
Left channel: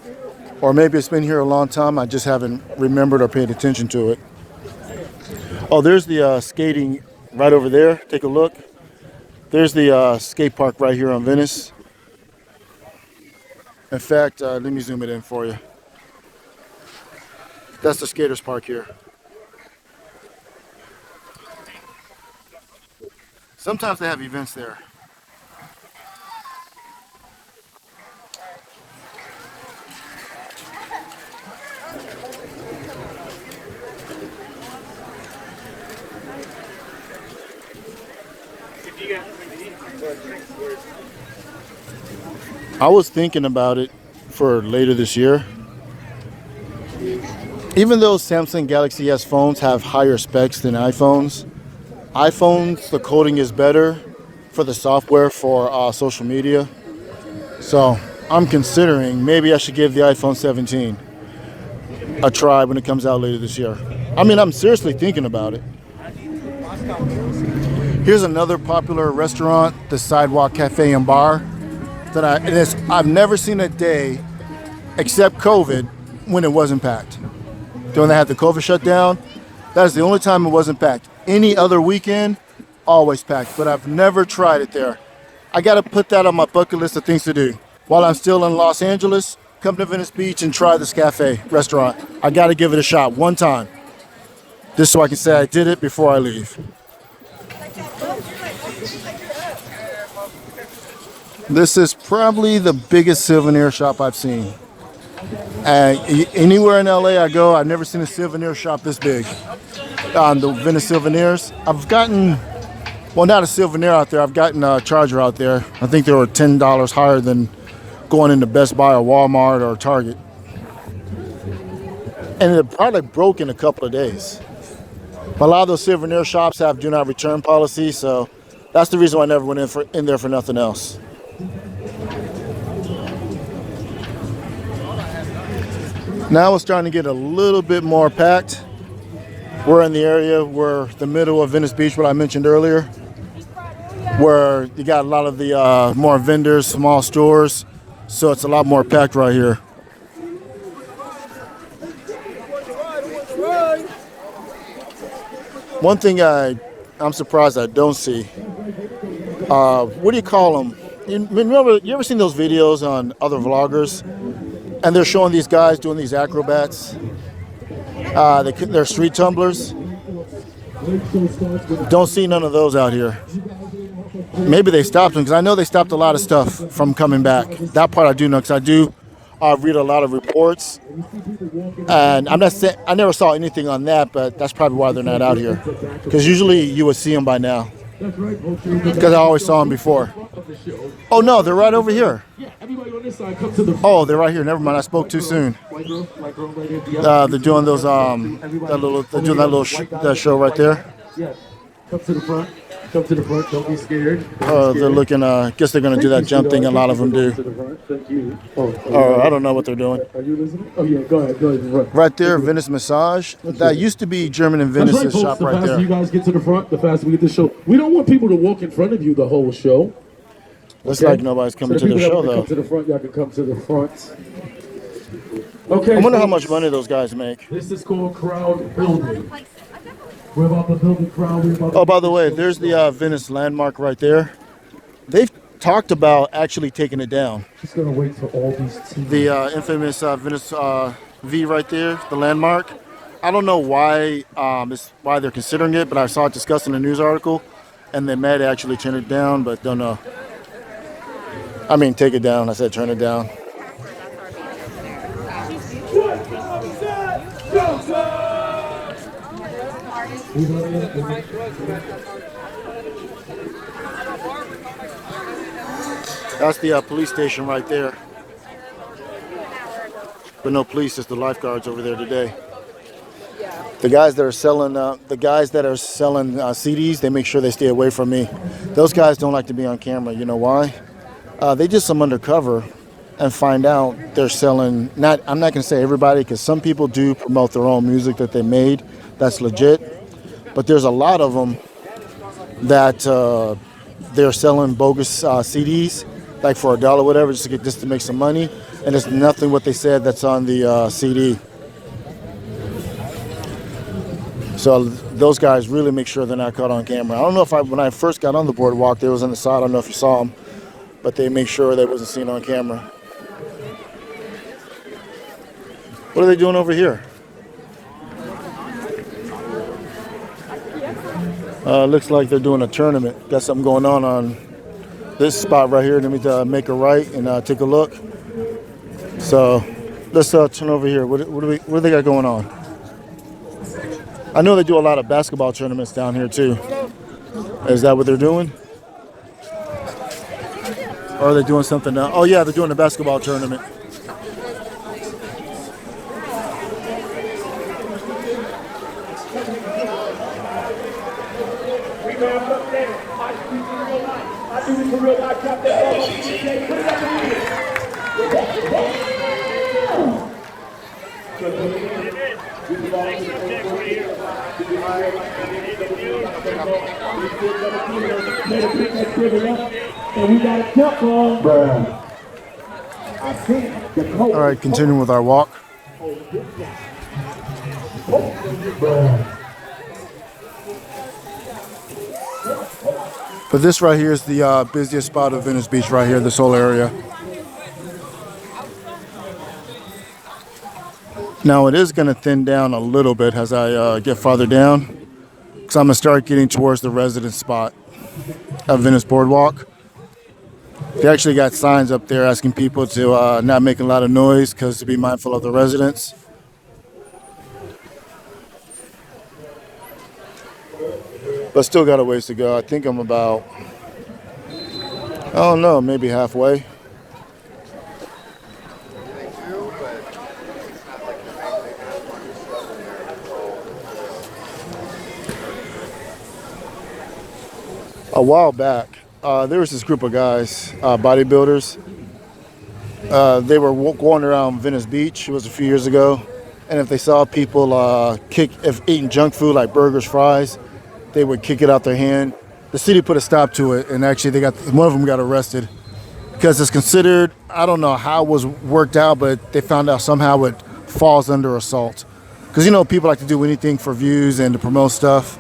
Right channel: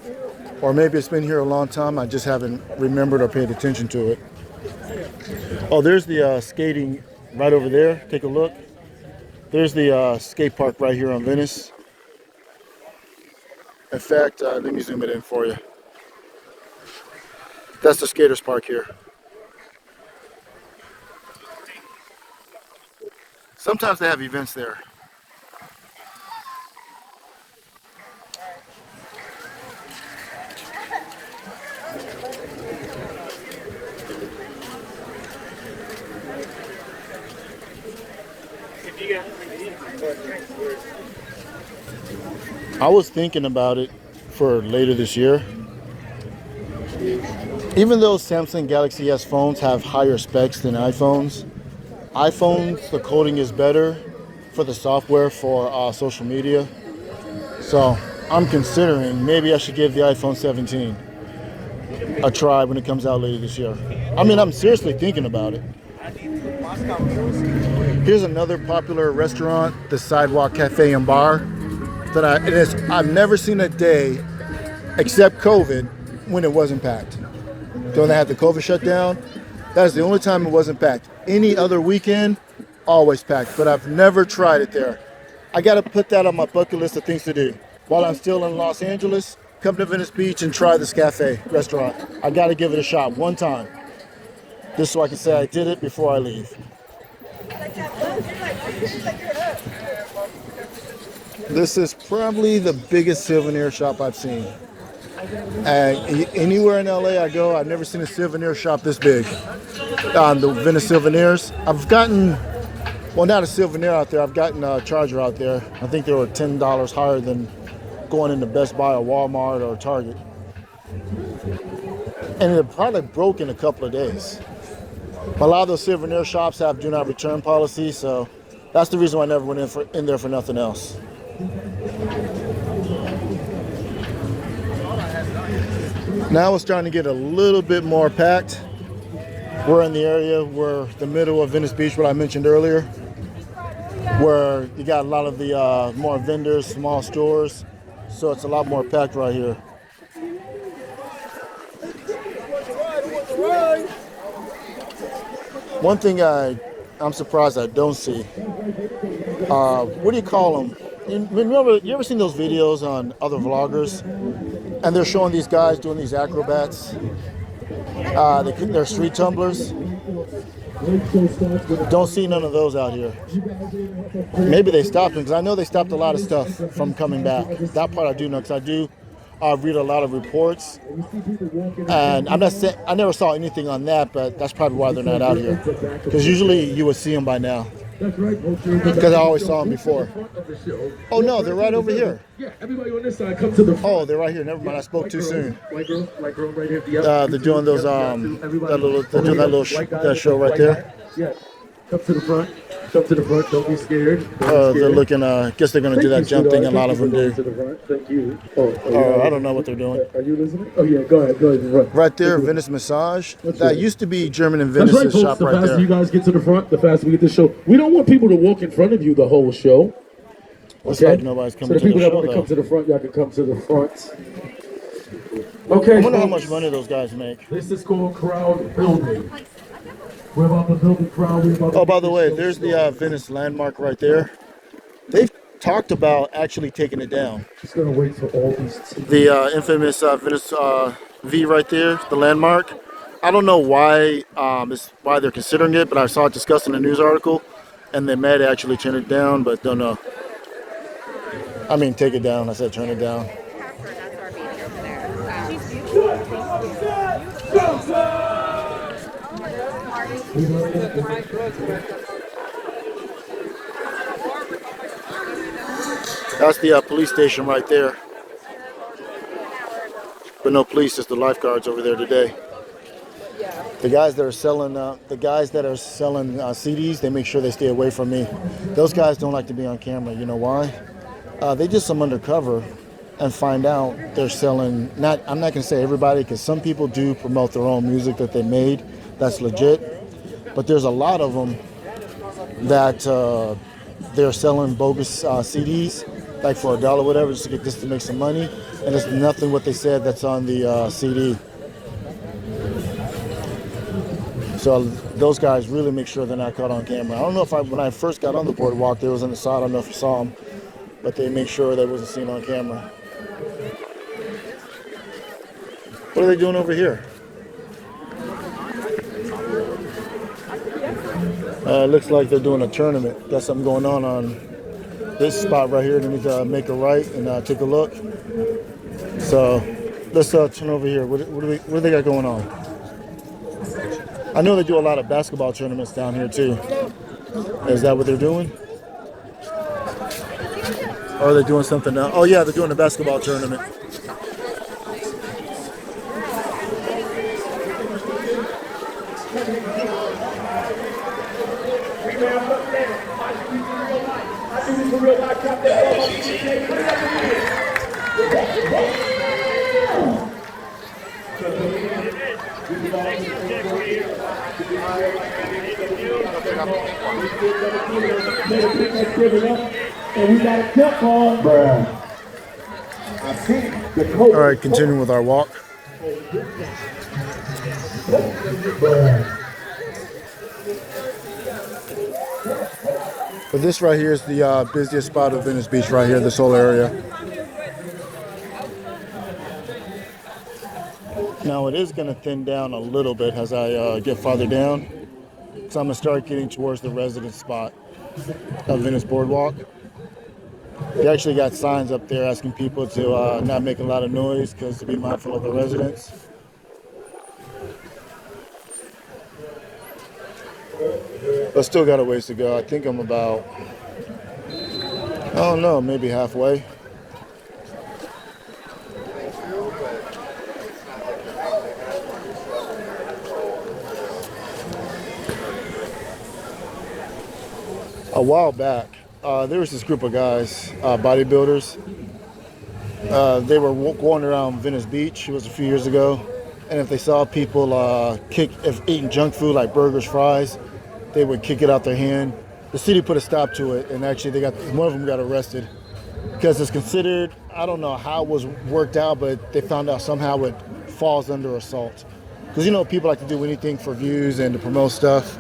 Or maybe it's been here a long time. I just haven't remembered or paid attention to it. Oh, there's the skating right over there. Take a look. There's the skate park right here on Venice. In fact, let me zoom it in for you. That's the skaters park here. Sometimes they have events there. I was thinking about it for later this year. Even though Samsung Galaxy S phones have higher specs than iPhones, the coding is better for the software for social media. So I'm considering maybe I should give the iPhone 17 a try when it comes out later this year. I mean, I'm seriously thinking about it. Here's another popular restaurant, the Sidewalk Cafe and Bar. I've never seen a day except COVID when it wasn't packed. When they had the COVID shutdown, that's the only time it wasn't packed. Any other weekend, always packed. But I've never tried it there. I got to put that on my bucket list of things to do. While I'm still in Los Angeles, come to Venice Beach and try this cafe restaurant. I got to give it a shot one time. Just so I can say I did it before I leave. This is probably the biggest souvenir shop I've seen. Anywhere in LA I go, I've never seen a souvenir shop this big. The Venice Souvenirs. I've gotten, well, not a souvenir out there. I've gotten a charger out there. I think they were $10 higher than going into Best Buy or Walmart or Target. And it probably broke in a couple of days. A lot of those souvenir shops have do not return policy, so that's the reason why I never went in there for nothing else. Now it's starting to get a little bit more packed. We're in the area where the middle of Venice Beach, what I mentioned earlier, where you got a lot of the more vendors, small stores, so it's a lot more packed right here. One thing I'm surprised I don't see, what do you call them? You ever seen those videos on other vloggers? And they're showing these guys doing these acrobats. They're street tumblers. Don't see none of those out here. Maybe they stopped them, because I know they stopped a lot of stuff from coming back. That part I do know, because I do read a lot of reports. And I'm not saying I never saw anything on that, but that's probably why they're not out here. Because usually you would see them by now. Because I always saw them before. Oh no, they're right over here. Oh, they're right here. Never mind, I spoke too soon. They're doing those they're doing that little show right there. Come to the front. Come to the front. Don't be scared. They're looking. Guess they're gonna do that jump thing. A lot of them do. Thank you. I don't know what they're doing. Are you listening? Oh yeah, go ahead. Go ahead. Right there, Venice Massage. That used to be German in Venice. That's right, shop folks. The right faster there. you guys get to the front, the faster we get the show. We don't want people to walk in front of you the whole show. Looks like nobody's coming so the to the people show that want to though. come to the front, y'all can come to the front. Okay. I wonder how much money those guys make. This is called crowd building. We're about to build the crowd. Oh, by the way, there's the Venice landmark right there. They've talked about actually taking it down. Just gonna wait for all these. The infamous Venice V right there, the landmark. I don't know why why they're considering it, but I saw it discussed in a news article, and they might actually turn it down, but don't know. I mean, take it down. I said turn it down. That's the police station right there. But no police, just the lifeguards over there today. The guys that are selling CDs, they make sure they stay away from me. Those guys don't like to be on camera. You know why? They did some undercover and find out they're selling. I'm not gonna say everybody, because some people do promote their own music that they made. That's legit. But there's a lot of them that they're selling bogus CDs, like for $1 or whatever, just to make some money, and it's nothing what they said that's on the CD. So those guys really make sure they're not caught on camera. I don't know if when I first got on the boardwalk, they was on the side. I don't know if you saw them, but they make sure they wasn't seen on camera. What are they doing over here? Looks like they're doing a tournament. Got something going on this spot right here. Let me make a right and take a look. So let's turn over here. What do they got going on? I know they do a lot of basketball tournaments down here too. Is that what they're doing? Or are they doing something now? Oh yeah, they're doing a basketball tournament. All right, continuing with our walk. But this right here is the busiest spot of Venice Beach right here, this whole area. Now it is going to thin down a little bit as I get farther down, because I'm going to start getting towards the residence spot of Venice Boardwalk. They actually got signs up there asking people to not make a lot of noise, because to be mindful of the residents. But still got a ways to go. I think I'm about, I don't know, maybe halfway. A while back, there was this group of guys, bodybuilders. They were going around Venice Beach. It was a few years ago. And if they saw people eating junk food like burgers, fries, they would kick it out their hand. The city put a stop to it, and actually one of them got arrested because it's considered, I don't know how it was worked out, but they found out somehow it falls under assault. Because, you know, people like to do anything for views and to promote stuff.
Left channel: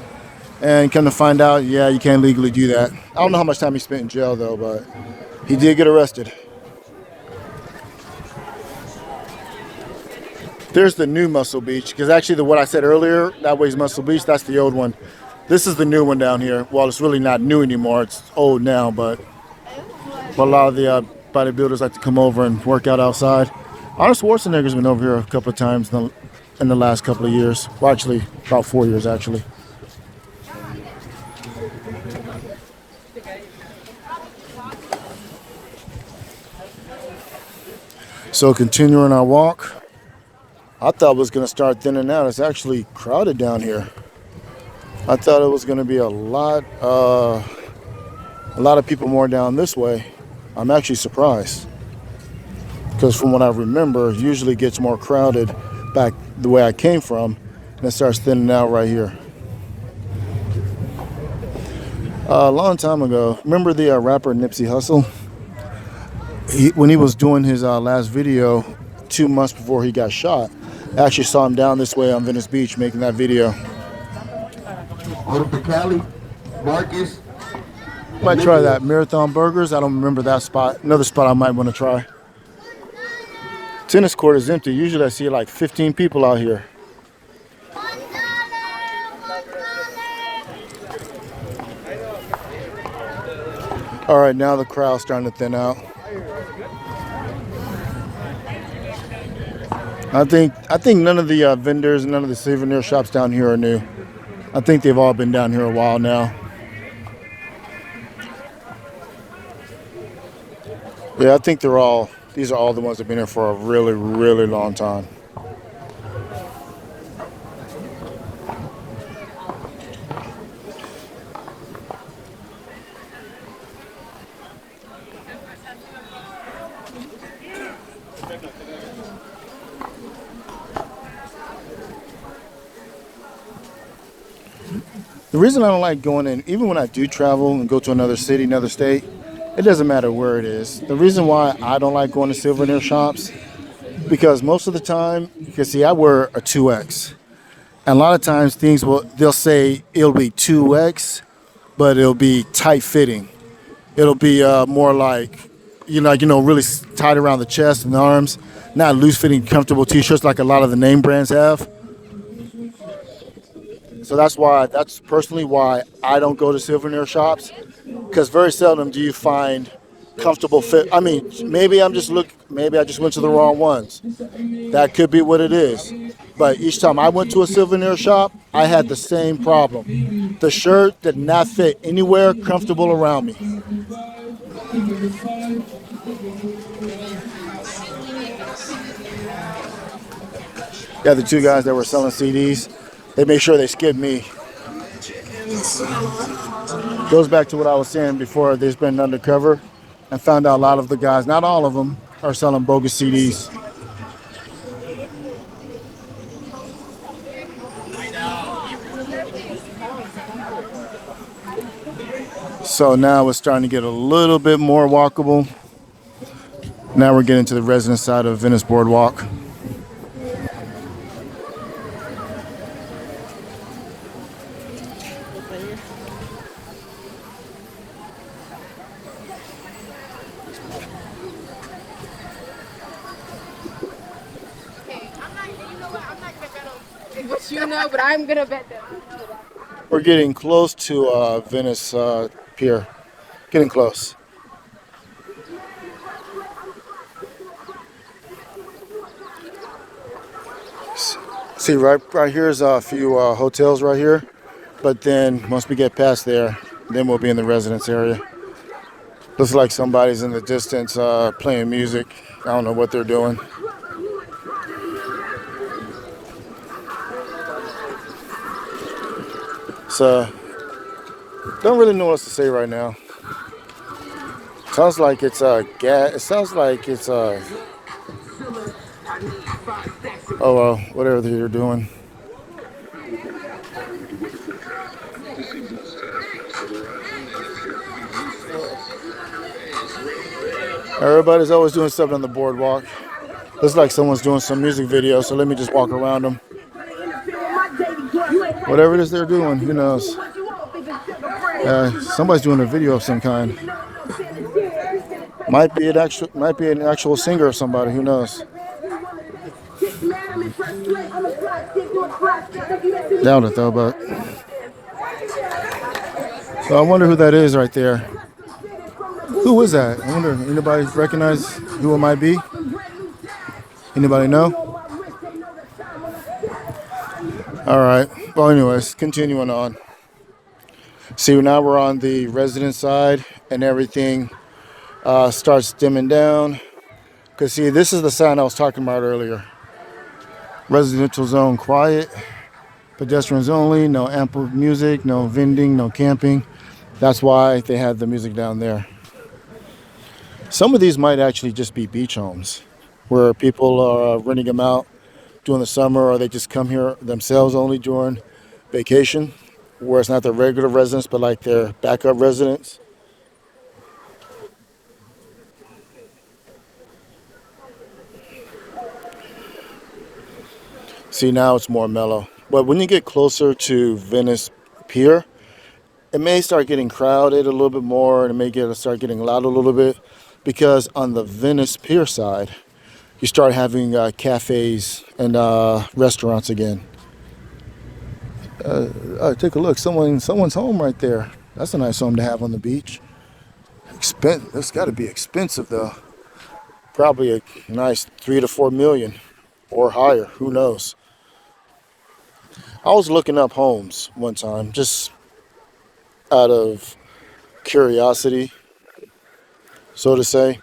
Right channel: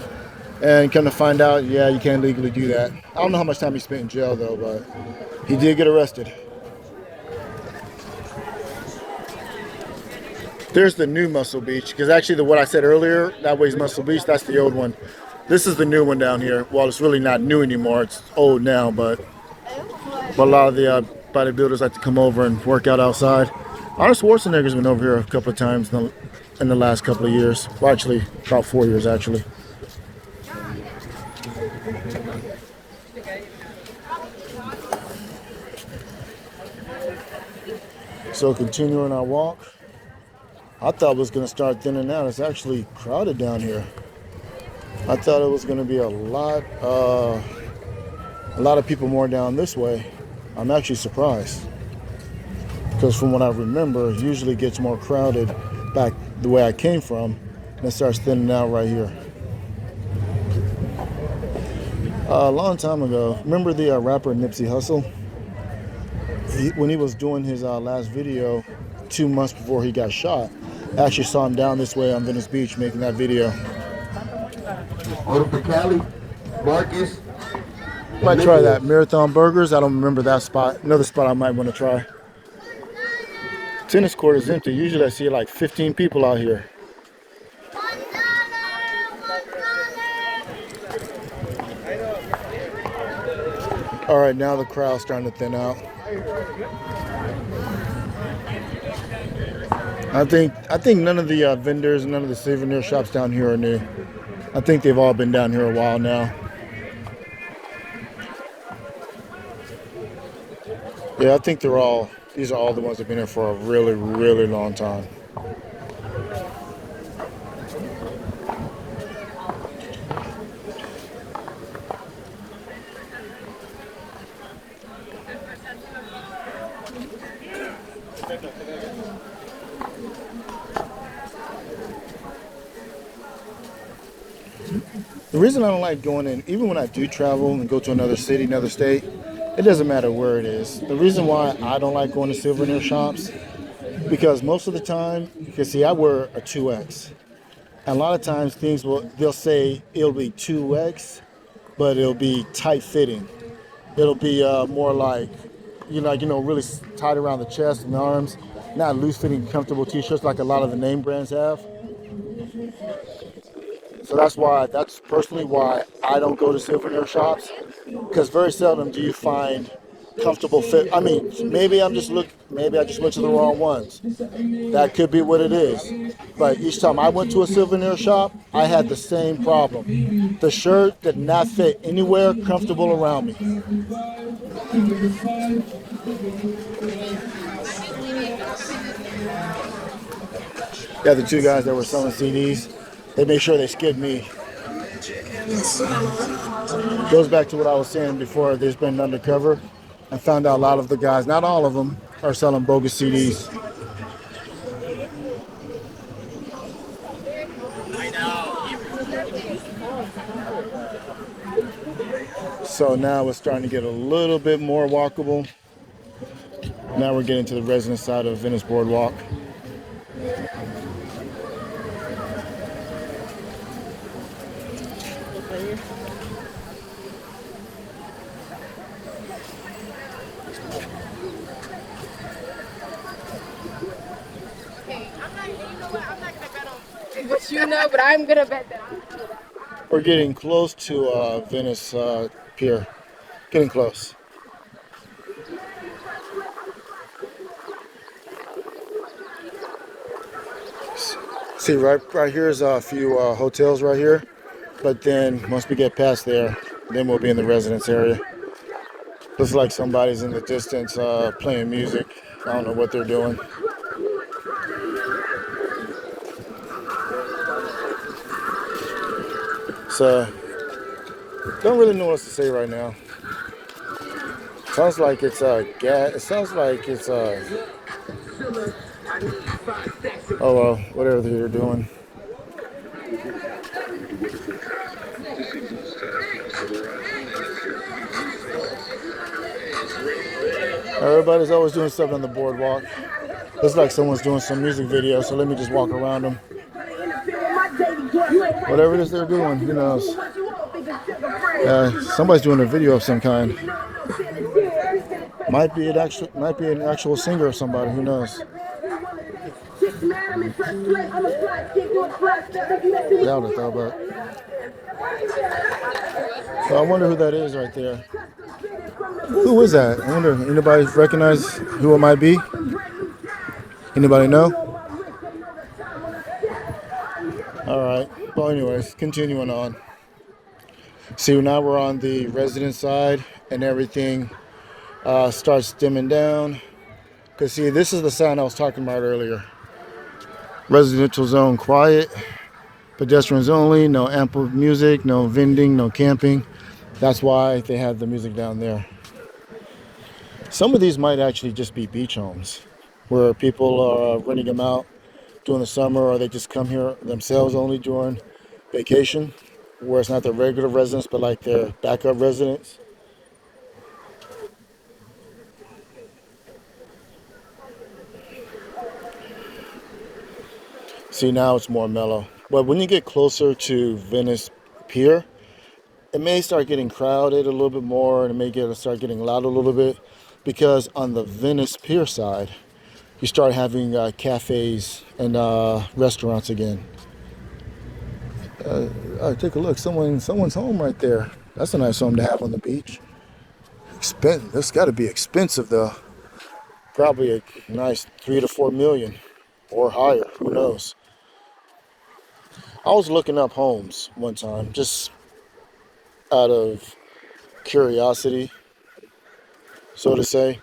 And come to find out, yeah, you can't legally do that. I don't know how much time he spent in jail, though, but he did get arrested. There's the new Muscle Beach, because actually what I said earlier, that way's Muscle Beach, that's the old one. This is the new one down here. Well, it's really not new anymore. It's old now, but a lot of the bodybuilders like to come over and work out outside. Arnold Schwarzenegger's been over here a couple of times in the last couple of years. Well, actually, about 4 years, actually. So continuing our walk, I thought it was going to start thinning out. It's actually crowded down here. I thought it was going to be a lot of people more down this way. I'm actually surprised, because from what I remember, it usually gets more crowded back the way I came from, and it starts thinning out right here. A long time ago, remember the rapper Nipsey Hussle? When he was doing his last video 2 months before he got shot, I actually saw him down this way on Venice Beach making that video. Order for Cali, Marcus. Might try that. Marathon Burgers. I don't remember that spot. Another spot I might want to try. Tennis court is empty. Usually I see like 15 people out here. All right, now the crowd's starting to thin out. I think none of the vendors, none of the souvenir shops down here are new. I think they've all been down here a while now. Yeah, I think these are all the ones that have been here for a really, really long time. The reason I don't like going in, even when I do travel and go to another city, another state, it doesn't matter where it is. The reason why I don't like going to souvenir shops, because most of the time, because see, I wear a 2X. And a lot of times they'll say it'll be 2X, but it'll be tight fitting. It'll be more like, really tight around the chest and the arms, not loose fitting, comfortable t-shirts like a lot of the name brands have. So that's personally why I don't go to souvenir shops, because very seldom do you find comfortable fit. I mean, maybe maybe I just went to the wrong ones. That could be what it is. But each time I went to a souvenir shop, I had the same problem. The shirt did not fit anywhere comfortable around me. Yeah, the two guys that were selling CDs, they made sure they skid me. Goes back to what I was saying before. There's been undercover and found out a lot of the guys, not all of them, are selling bogus CDs. So now it's starting to get a little bit more walkable. Now we're getting to the residence side of Venice Boardwalk. But you know, but I'm gonna bet them. We're getting close to Venice Pier. Getting close. See, right here's a few hotels right here. But then once we get past there, then we'll be in the residence area. Looks like somebody's in the distance playing music. I don't know what they're doing. So, don't really know what else to say right now. Sounds like it's gas. It sounds like it's oh well, whatever they're doing. Everybody's always doing stuff on the boardwalk. Looks like someone's doing some music video, so let me just walk around them. Whatever it is they're doing, who knows? Somebody's doing a video of some kind. Might be an actual singer or somebody, who knows? Doubt it though, but so I wonder who that is right there. Who is that? I wonder, anybody recognize who it might be? Anybody know? All right. Well, anyways, continuing on. See, now we're on the residence side and everything starts dimming down. Because, see, this is the sign I was talking about earlier. Residential zone quiet. Pedestrians only. No ample music. No vending. No camping. That's why they have the music down there. Some of these might actually just be beach homes where people are renting them out during the summer, or they just come here themselves only during vacation, where it's not their regular residence, but like their backup residence. See, now it's more mellow. But when you get closer to Venice Pier, it may start getting crowded a little bit more, and it may start getting loud a little bit, because on the Venice Pier side, you start having cafes and restaurants again. Take a look. Someone's home right there. That's a nice home to have on the beach. Expensive. That's got to be expensive though. Probably a nice 3 to 4 million or higher. Who knows? I was looking up homes one time, just out of curiosity, so to say.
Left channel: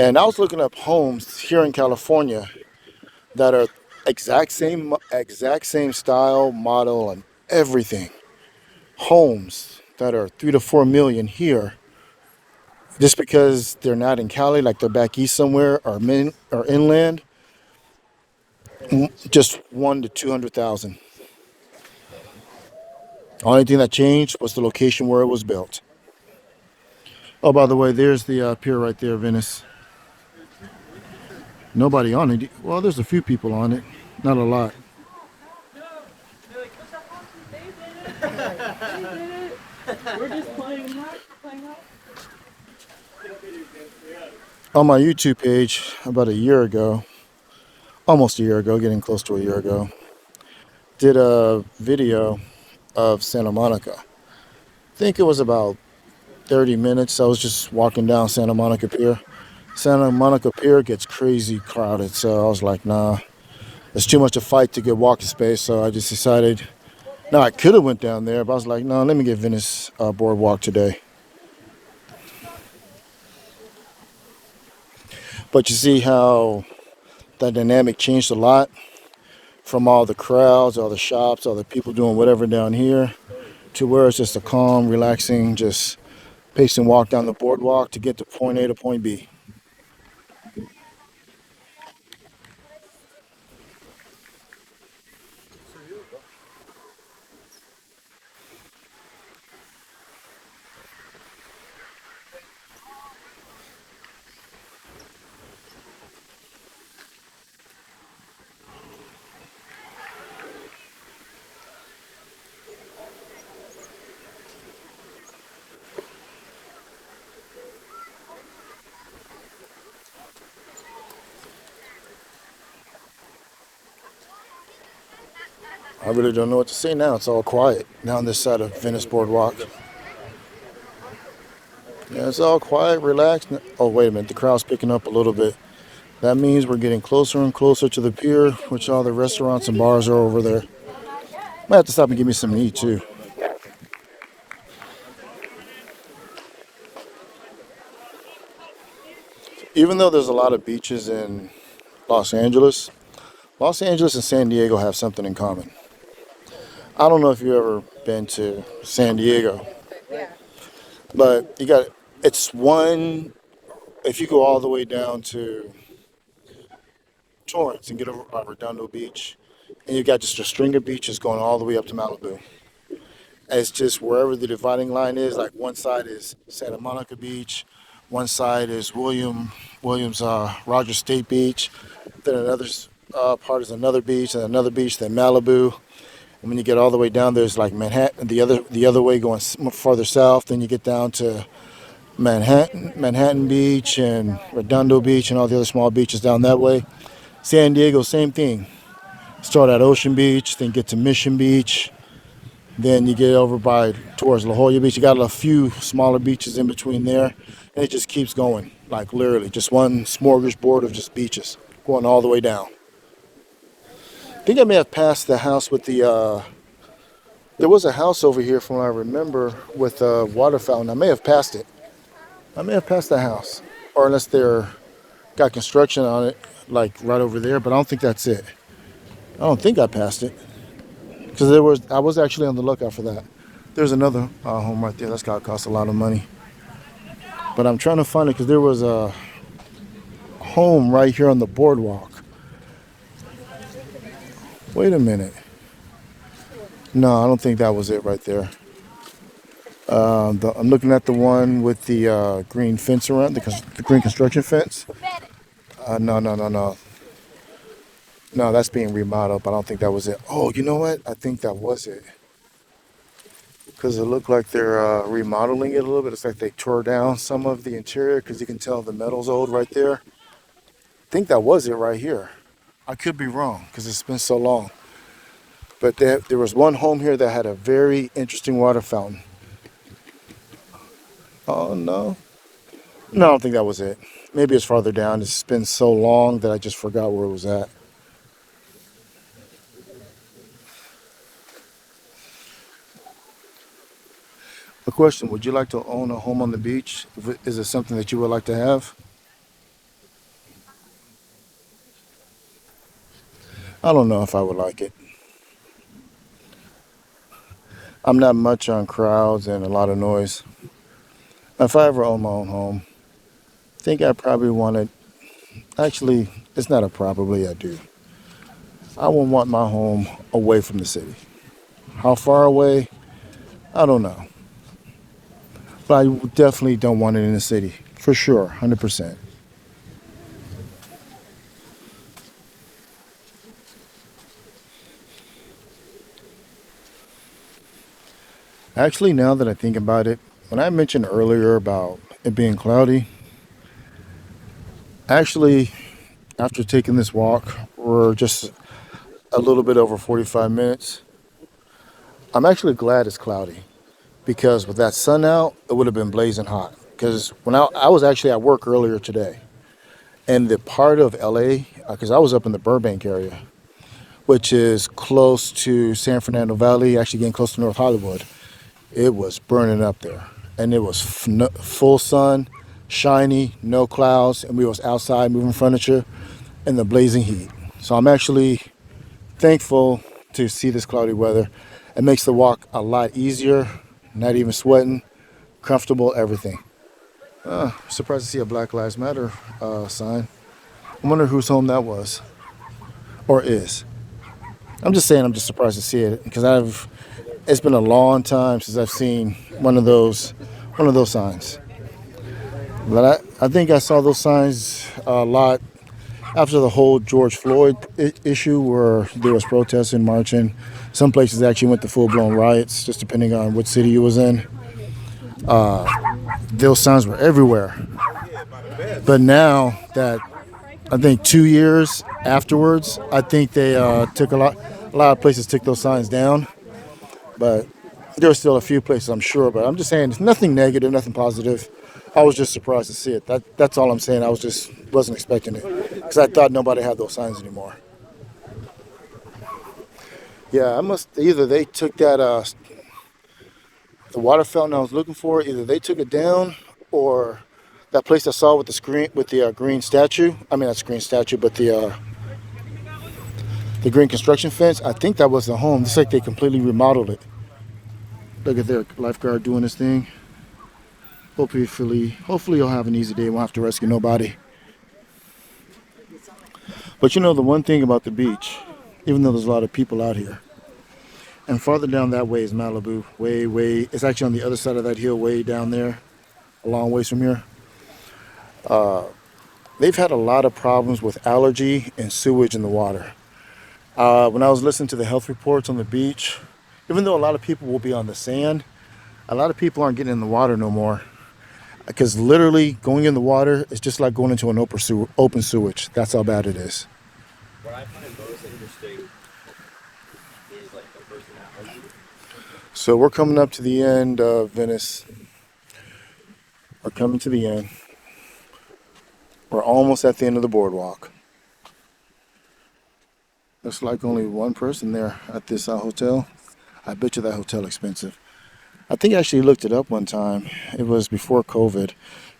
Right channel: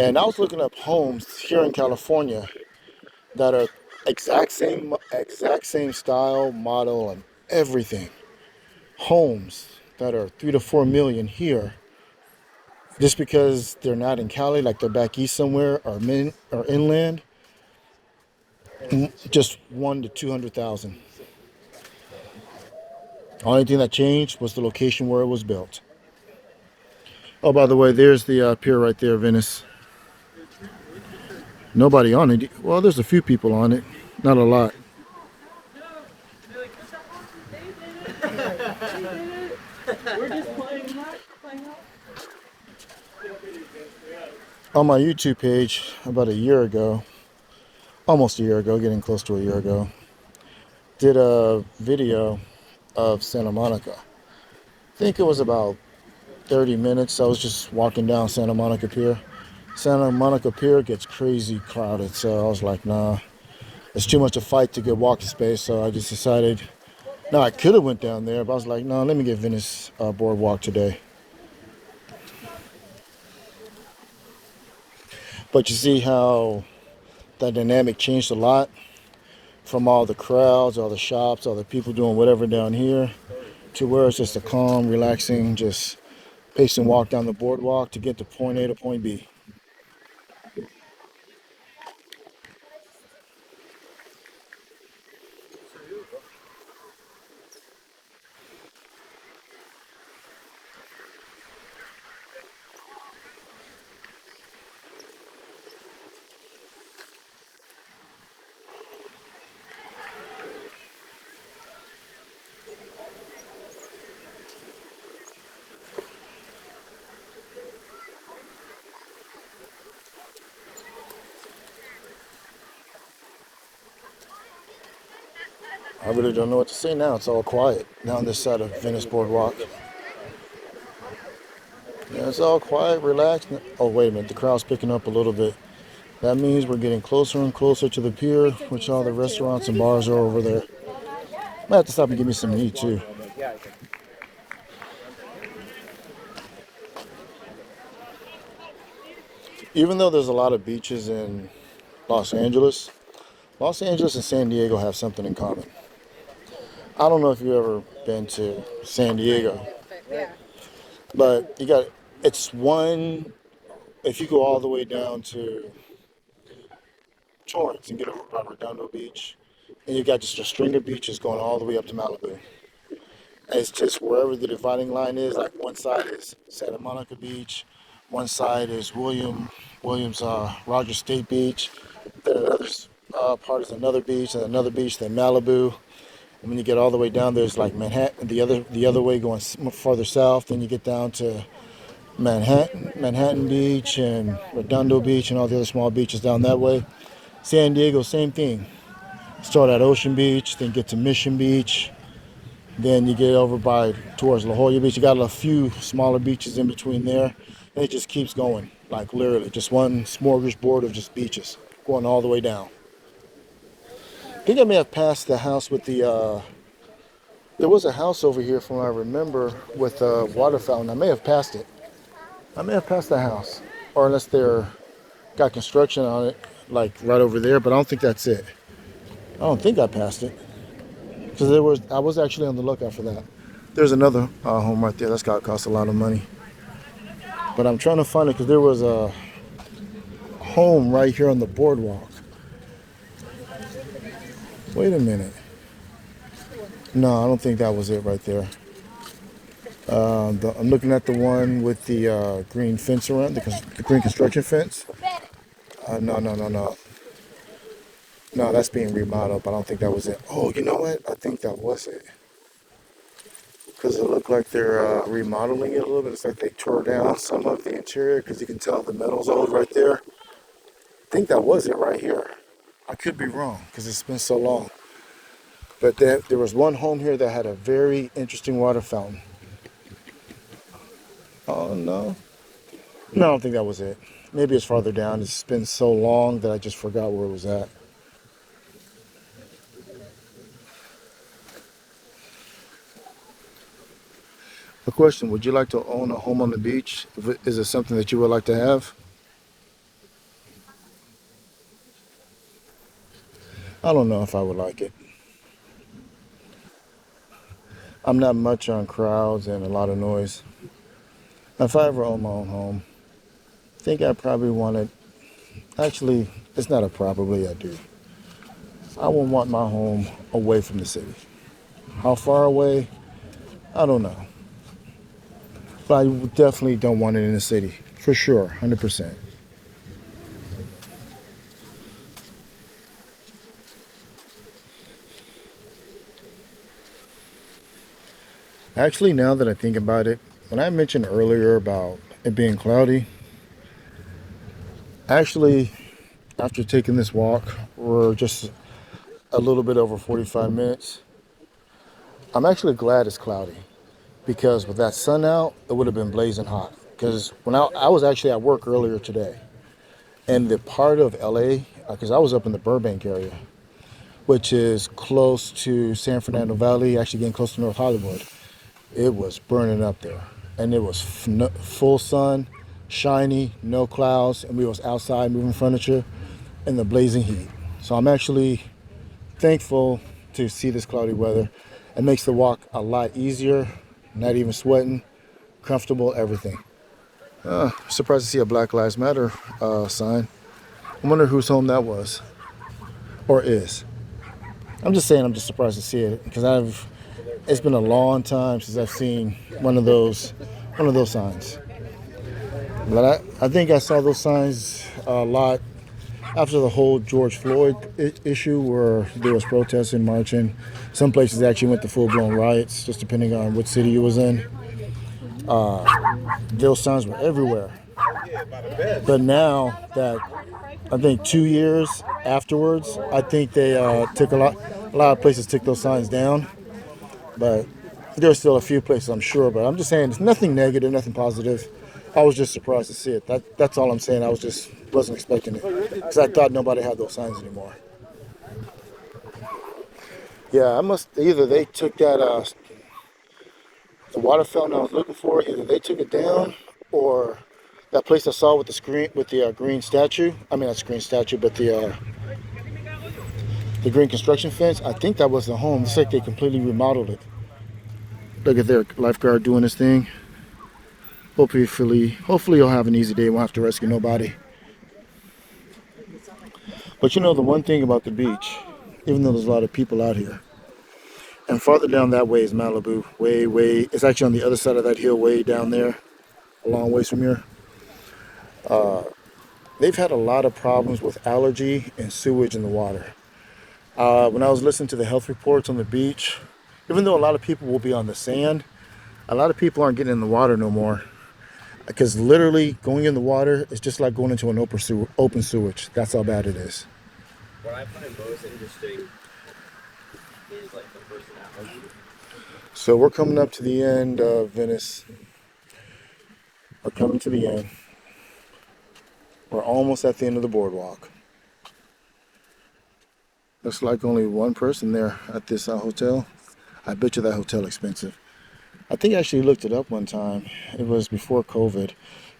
And I was looking up homes here in California that are exact same style, model, and everything. Homes that are 3 to 4 million here, just because they're not in Cali, like they're back east somewhere, or inland, just 1 to 200,000. Only thing that changed was the location where it was built. Oh, by the way, there's the pier right there, Venice. Nobody on it. Well, there's a few people on it. Not a lot. On my YouTube page, about a year ago, almost a year ago, getting close to a year ago, did a video of Santa Monica. I think it was about 30 minutes. I was just walking down Santa Monica Pier. Santa Monica Pier gets crazy crowded, so I was like, nah, it's too much a fight to get walking space. So I just decided, no, I could have went down there, but I was like, no, let me get Venice Boardwalk today. But you see how that dynamic changed a lot from all the crowds, all the shops, all the people doing whatever down here to where it's just a calm, relaxing, just pace and walk down the boardwalk to get to point A to point B. I really don't know what to say now. It's all quiet down this side of Venice Boardwalk. Yeah, it's all quiet, relaxed. Oh, wait a minute. The crowd's picking up a little bit. That means we're getting closer and closer to the pier, which all the restaurants and bars are over there. Might have to stop and give me some to eat, too. Even though there's a lot of beaches in Los Angeles, Los Angeles and San Diego have something in common. I don't know if you've ever been to San Diego, but it's one, if you go all the way down to Torrance and get over by Redondo Beach, and you got just a string of beaches going all the way up to Malibu. And it's just wherever the dividing line is, like one side is Santa Monica Beach, one side is Williams Rogers State Beach, then another part is another beach, and another beach, then Malibu. And when you get all the way down, there's like Manhattan, the other way going farther south. Then you get down to Manhattan Beach and Redondo Beach and all the other small beaches down that way. San Diego, same thing. Start at Ocean Beach, then get to Mission Beach. Then you get over towards La Jolla Beach. You got a few smaller beaches in between there. And it just keeps going, like literally just one smorgasbord of just beaches going all the way down. I think I may have passed the house with the, there was a house over here from what I remember with a water fountain. I may have passed it. I may have passed the house. Or unless they're got construction on it, like right over there, but I don't think that's it. I don't think I passed it. Because I was actually on the lookout for that. There's another home right there. That's got to cost a lot of money. But I'm trying to find it because there was a home right here on the boardwalk. Wait a minute. No, I don't think that was it right there. I'm looking at the one with the green fence around, the green construction fence. No. No, that's being remodeled, but I don't think that was it. Oh, you know what? I think that was it. Because it looked like they're remodeling it a little bit. It's like they tore down some of the interior because you can tell the metal's old right there. I think that was it right here. I could be wrong because it's been so long. But there was one home here that had a very interesting water fountain. Oh, no. No, I don't think that was it. Maybe it's farther down. It's been so long that I just forgot where it was at. A question, would you like to own a home on the beach? Is it something that you would like to have? I don't know if I would like it. I'm not much on crowds and a lot of noise. If I ever own my own home, I think I probably want it. Actually, it's not a probably, I do. I would want my home away from the city. How far away? I don't know. But I definitely don't want it in the city. For sure, 100%. Actually, now that I think about it, when I mentioned earlier about it being cloudy, actually, after taking this walk, we're just a little bit over 45 minutes. I'm actually glad it's cloudy because with that sun out, it would have been blazing hot. Because when I was actually at work earlier today, and the part of LA, because I was up in the Burbank area, which is close to San Fernando Valley, actually getting close to North Hollywood, it was burning up there. And it was full sun, shiny, no clouds, and we was outside moving furniture in the blazing heat. So I'm actually thankful to see this cloudy weather. It makes the walk a lot easier, not even sweating, comfortable, everything. Surprised to see a Black Lives Matter sign. I wonder whose home that was or is. I'm just saying I'm just surprised to see it because it's been a long time since I've seen one of those signs. But I think I saw those signs a lot after the whole George Floyd issue where there was protesting, marching. Some places actually went to full-blown riots, just depending on what city you was in. Those signs were everywhere. But now that I think 2 years afterwards, I think they took a lot of places took those signs down. But there were still a few places, I'm sure. But I'm just saying, it's nothing negative, nothing positive. I was just surprised to see it. That's all I'm saying. I wasn't expecting it because I thought nobody had those signs anymore. Yeah, I must either they took that the water fountain I was looking for. Either they took it down, or that place I saw with the screen with the green statue. I mean, not screen statue, but the green construction fence. I think that was the home. It's like they completely remodeled it. Look at their lifeguard doing his thing. Hopefully you'll have an easy day. Won't have to rescue nobody. But you know the one thing about the beach, even though there's a lot of people out here, and farther down that way is Malibu. Way. It's actually on the other side of that hill, way down there, a long ways from here. They've had a lot of problems with allergy and sewage in the water. When I was listening to the health reports on the beach, even though a lot of people will be on the sand, a lot of people aren't getting in the water no more. Because literally going in the water is just like going into an open sewage. That's how bad it is. What I find most interesting is like the personality. So we're coming up to the end of Venice. We're coming to the end. We're almost at the end of the boardwalk. Looks like only one person there at this hotel. I bet you that hotel expensive. I think I actually looked it up one time. It was before COVID,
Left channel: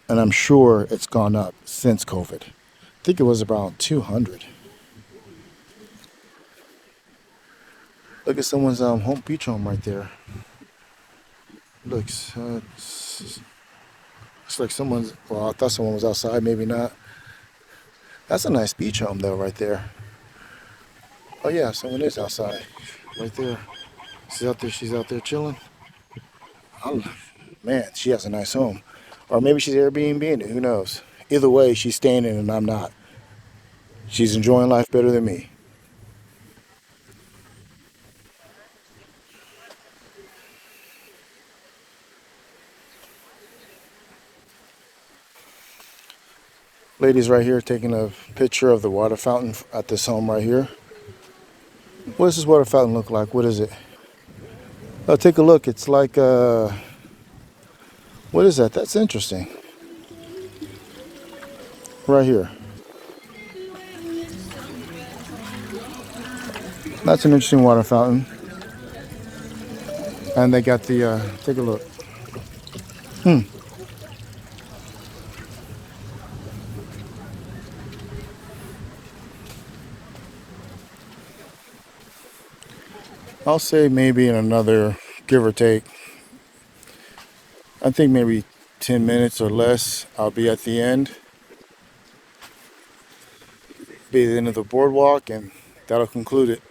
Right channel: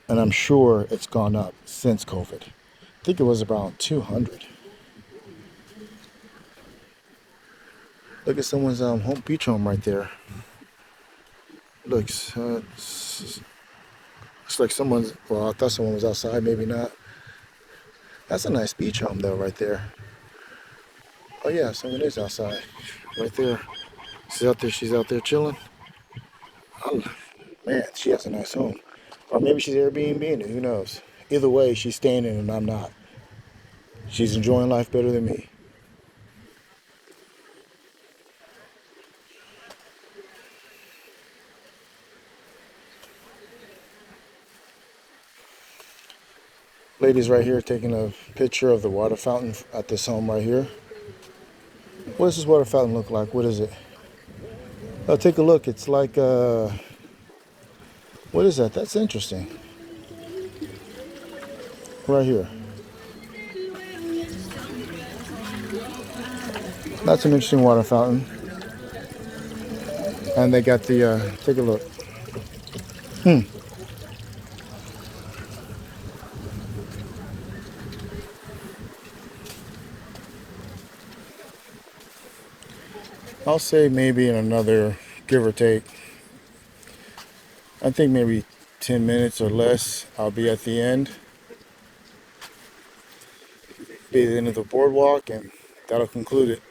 and I'm sure it's gone up since COVID. I think it was around 200. Look at someone's home beach home right there. Looks it's like someone's. Well, I thought someone was outside. Maybe not. That's a nice beach home though, right there. Oh yeah, someone is outside, right there. She's out there. She's out there chilling. Oh, man, she has a nice home. Or maybe she's Airbnb in it. Who knows? Either way, she's staying in it and I'm not. She's enjoying life better than me. Lady's right here taking a picture of the water fountain at this home right here. What does this water fountain look like? What is it? Oh, take a look. It's like, what is that? That's interesting. Right here. That's an interesting water fountain. And they got the, take a look. I'll say maybe in another, give or take, I think maybe 10 minutes or less, I'll be at the end. Be at the end of the boardwalk, and that'll conclude it.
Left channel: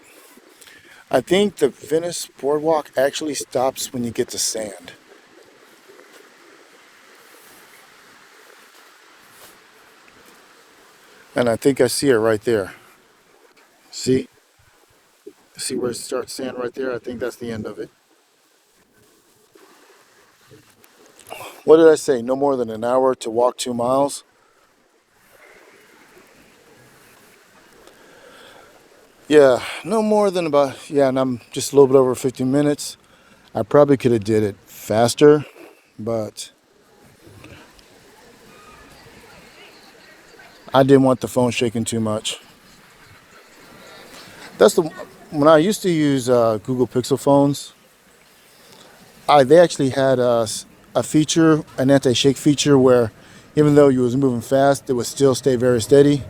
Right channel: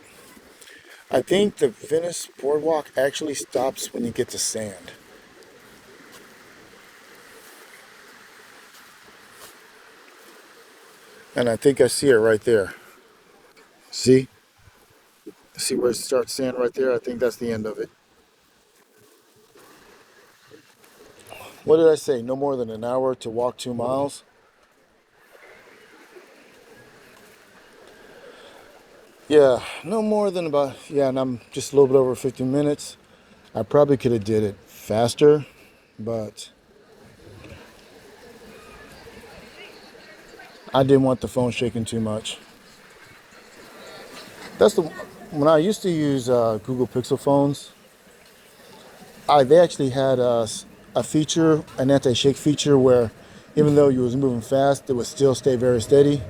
I think the Venice Boardwalk actually stops when you get to sand. And I think I see it right there. See? See where it starts sand right there? I think that's the end of it. What did I say? No more than an hour to walk 2 miles? Yeah, no more than about, yeah, and I'm just a little bit over 15 minutes. I probably could have did it faster, but I didn't want the phone shaking too much. That's the, when I used to use Google Pixel phones, they actually had a feature, an anti-shake feature where even though you was moving fast, it would still stay very steady.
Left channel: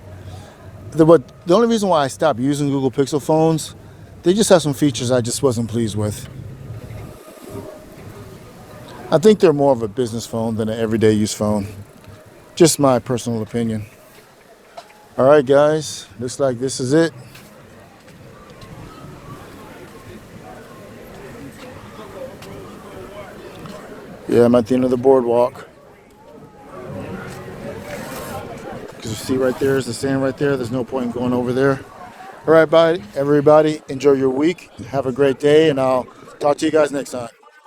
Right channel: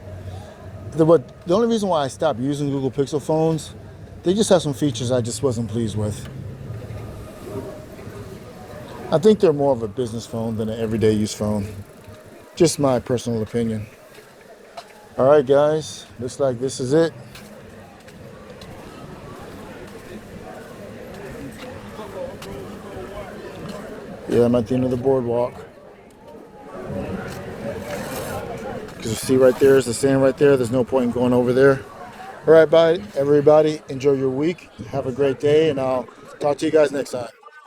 The only reason why I stopped using Google Pixel phones, they just have some features I just wasn't pleased with. I think they're more of a business phone than an everyday use phone. Just my personal opinion. All right, guys, looks like this is it. Yeah, I'm at the end of the boardwalk. Because you see right there is the sand right there. There's no point in going over there. All right, bye, everybody. Enjoy your week. Have a great day, and I'll talk to you guys next time.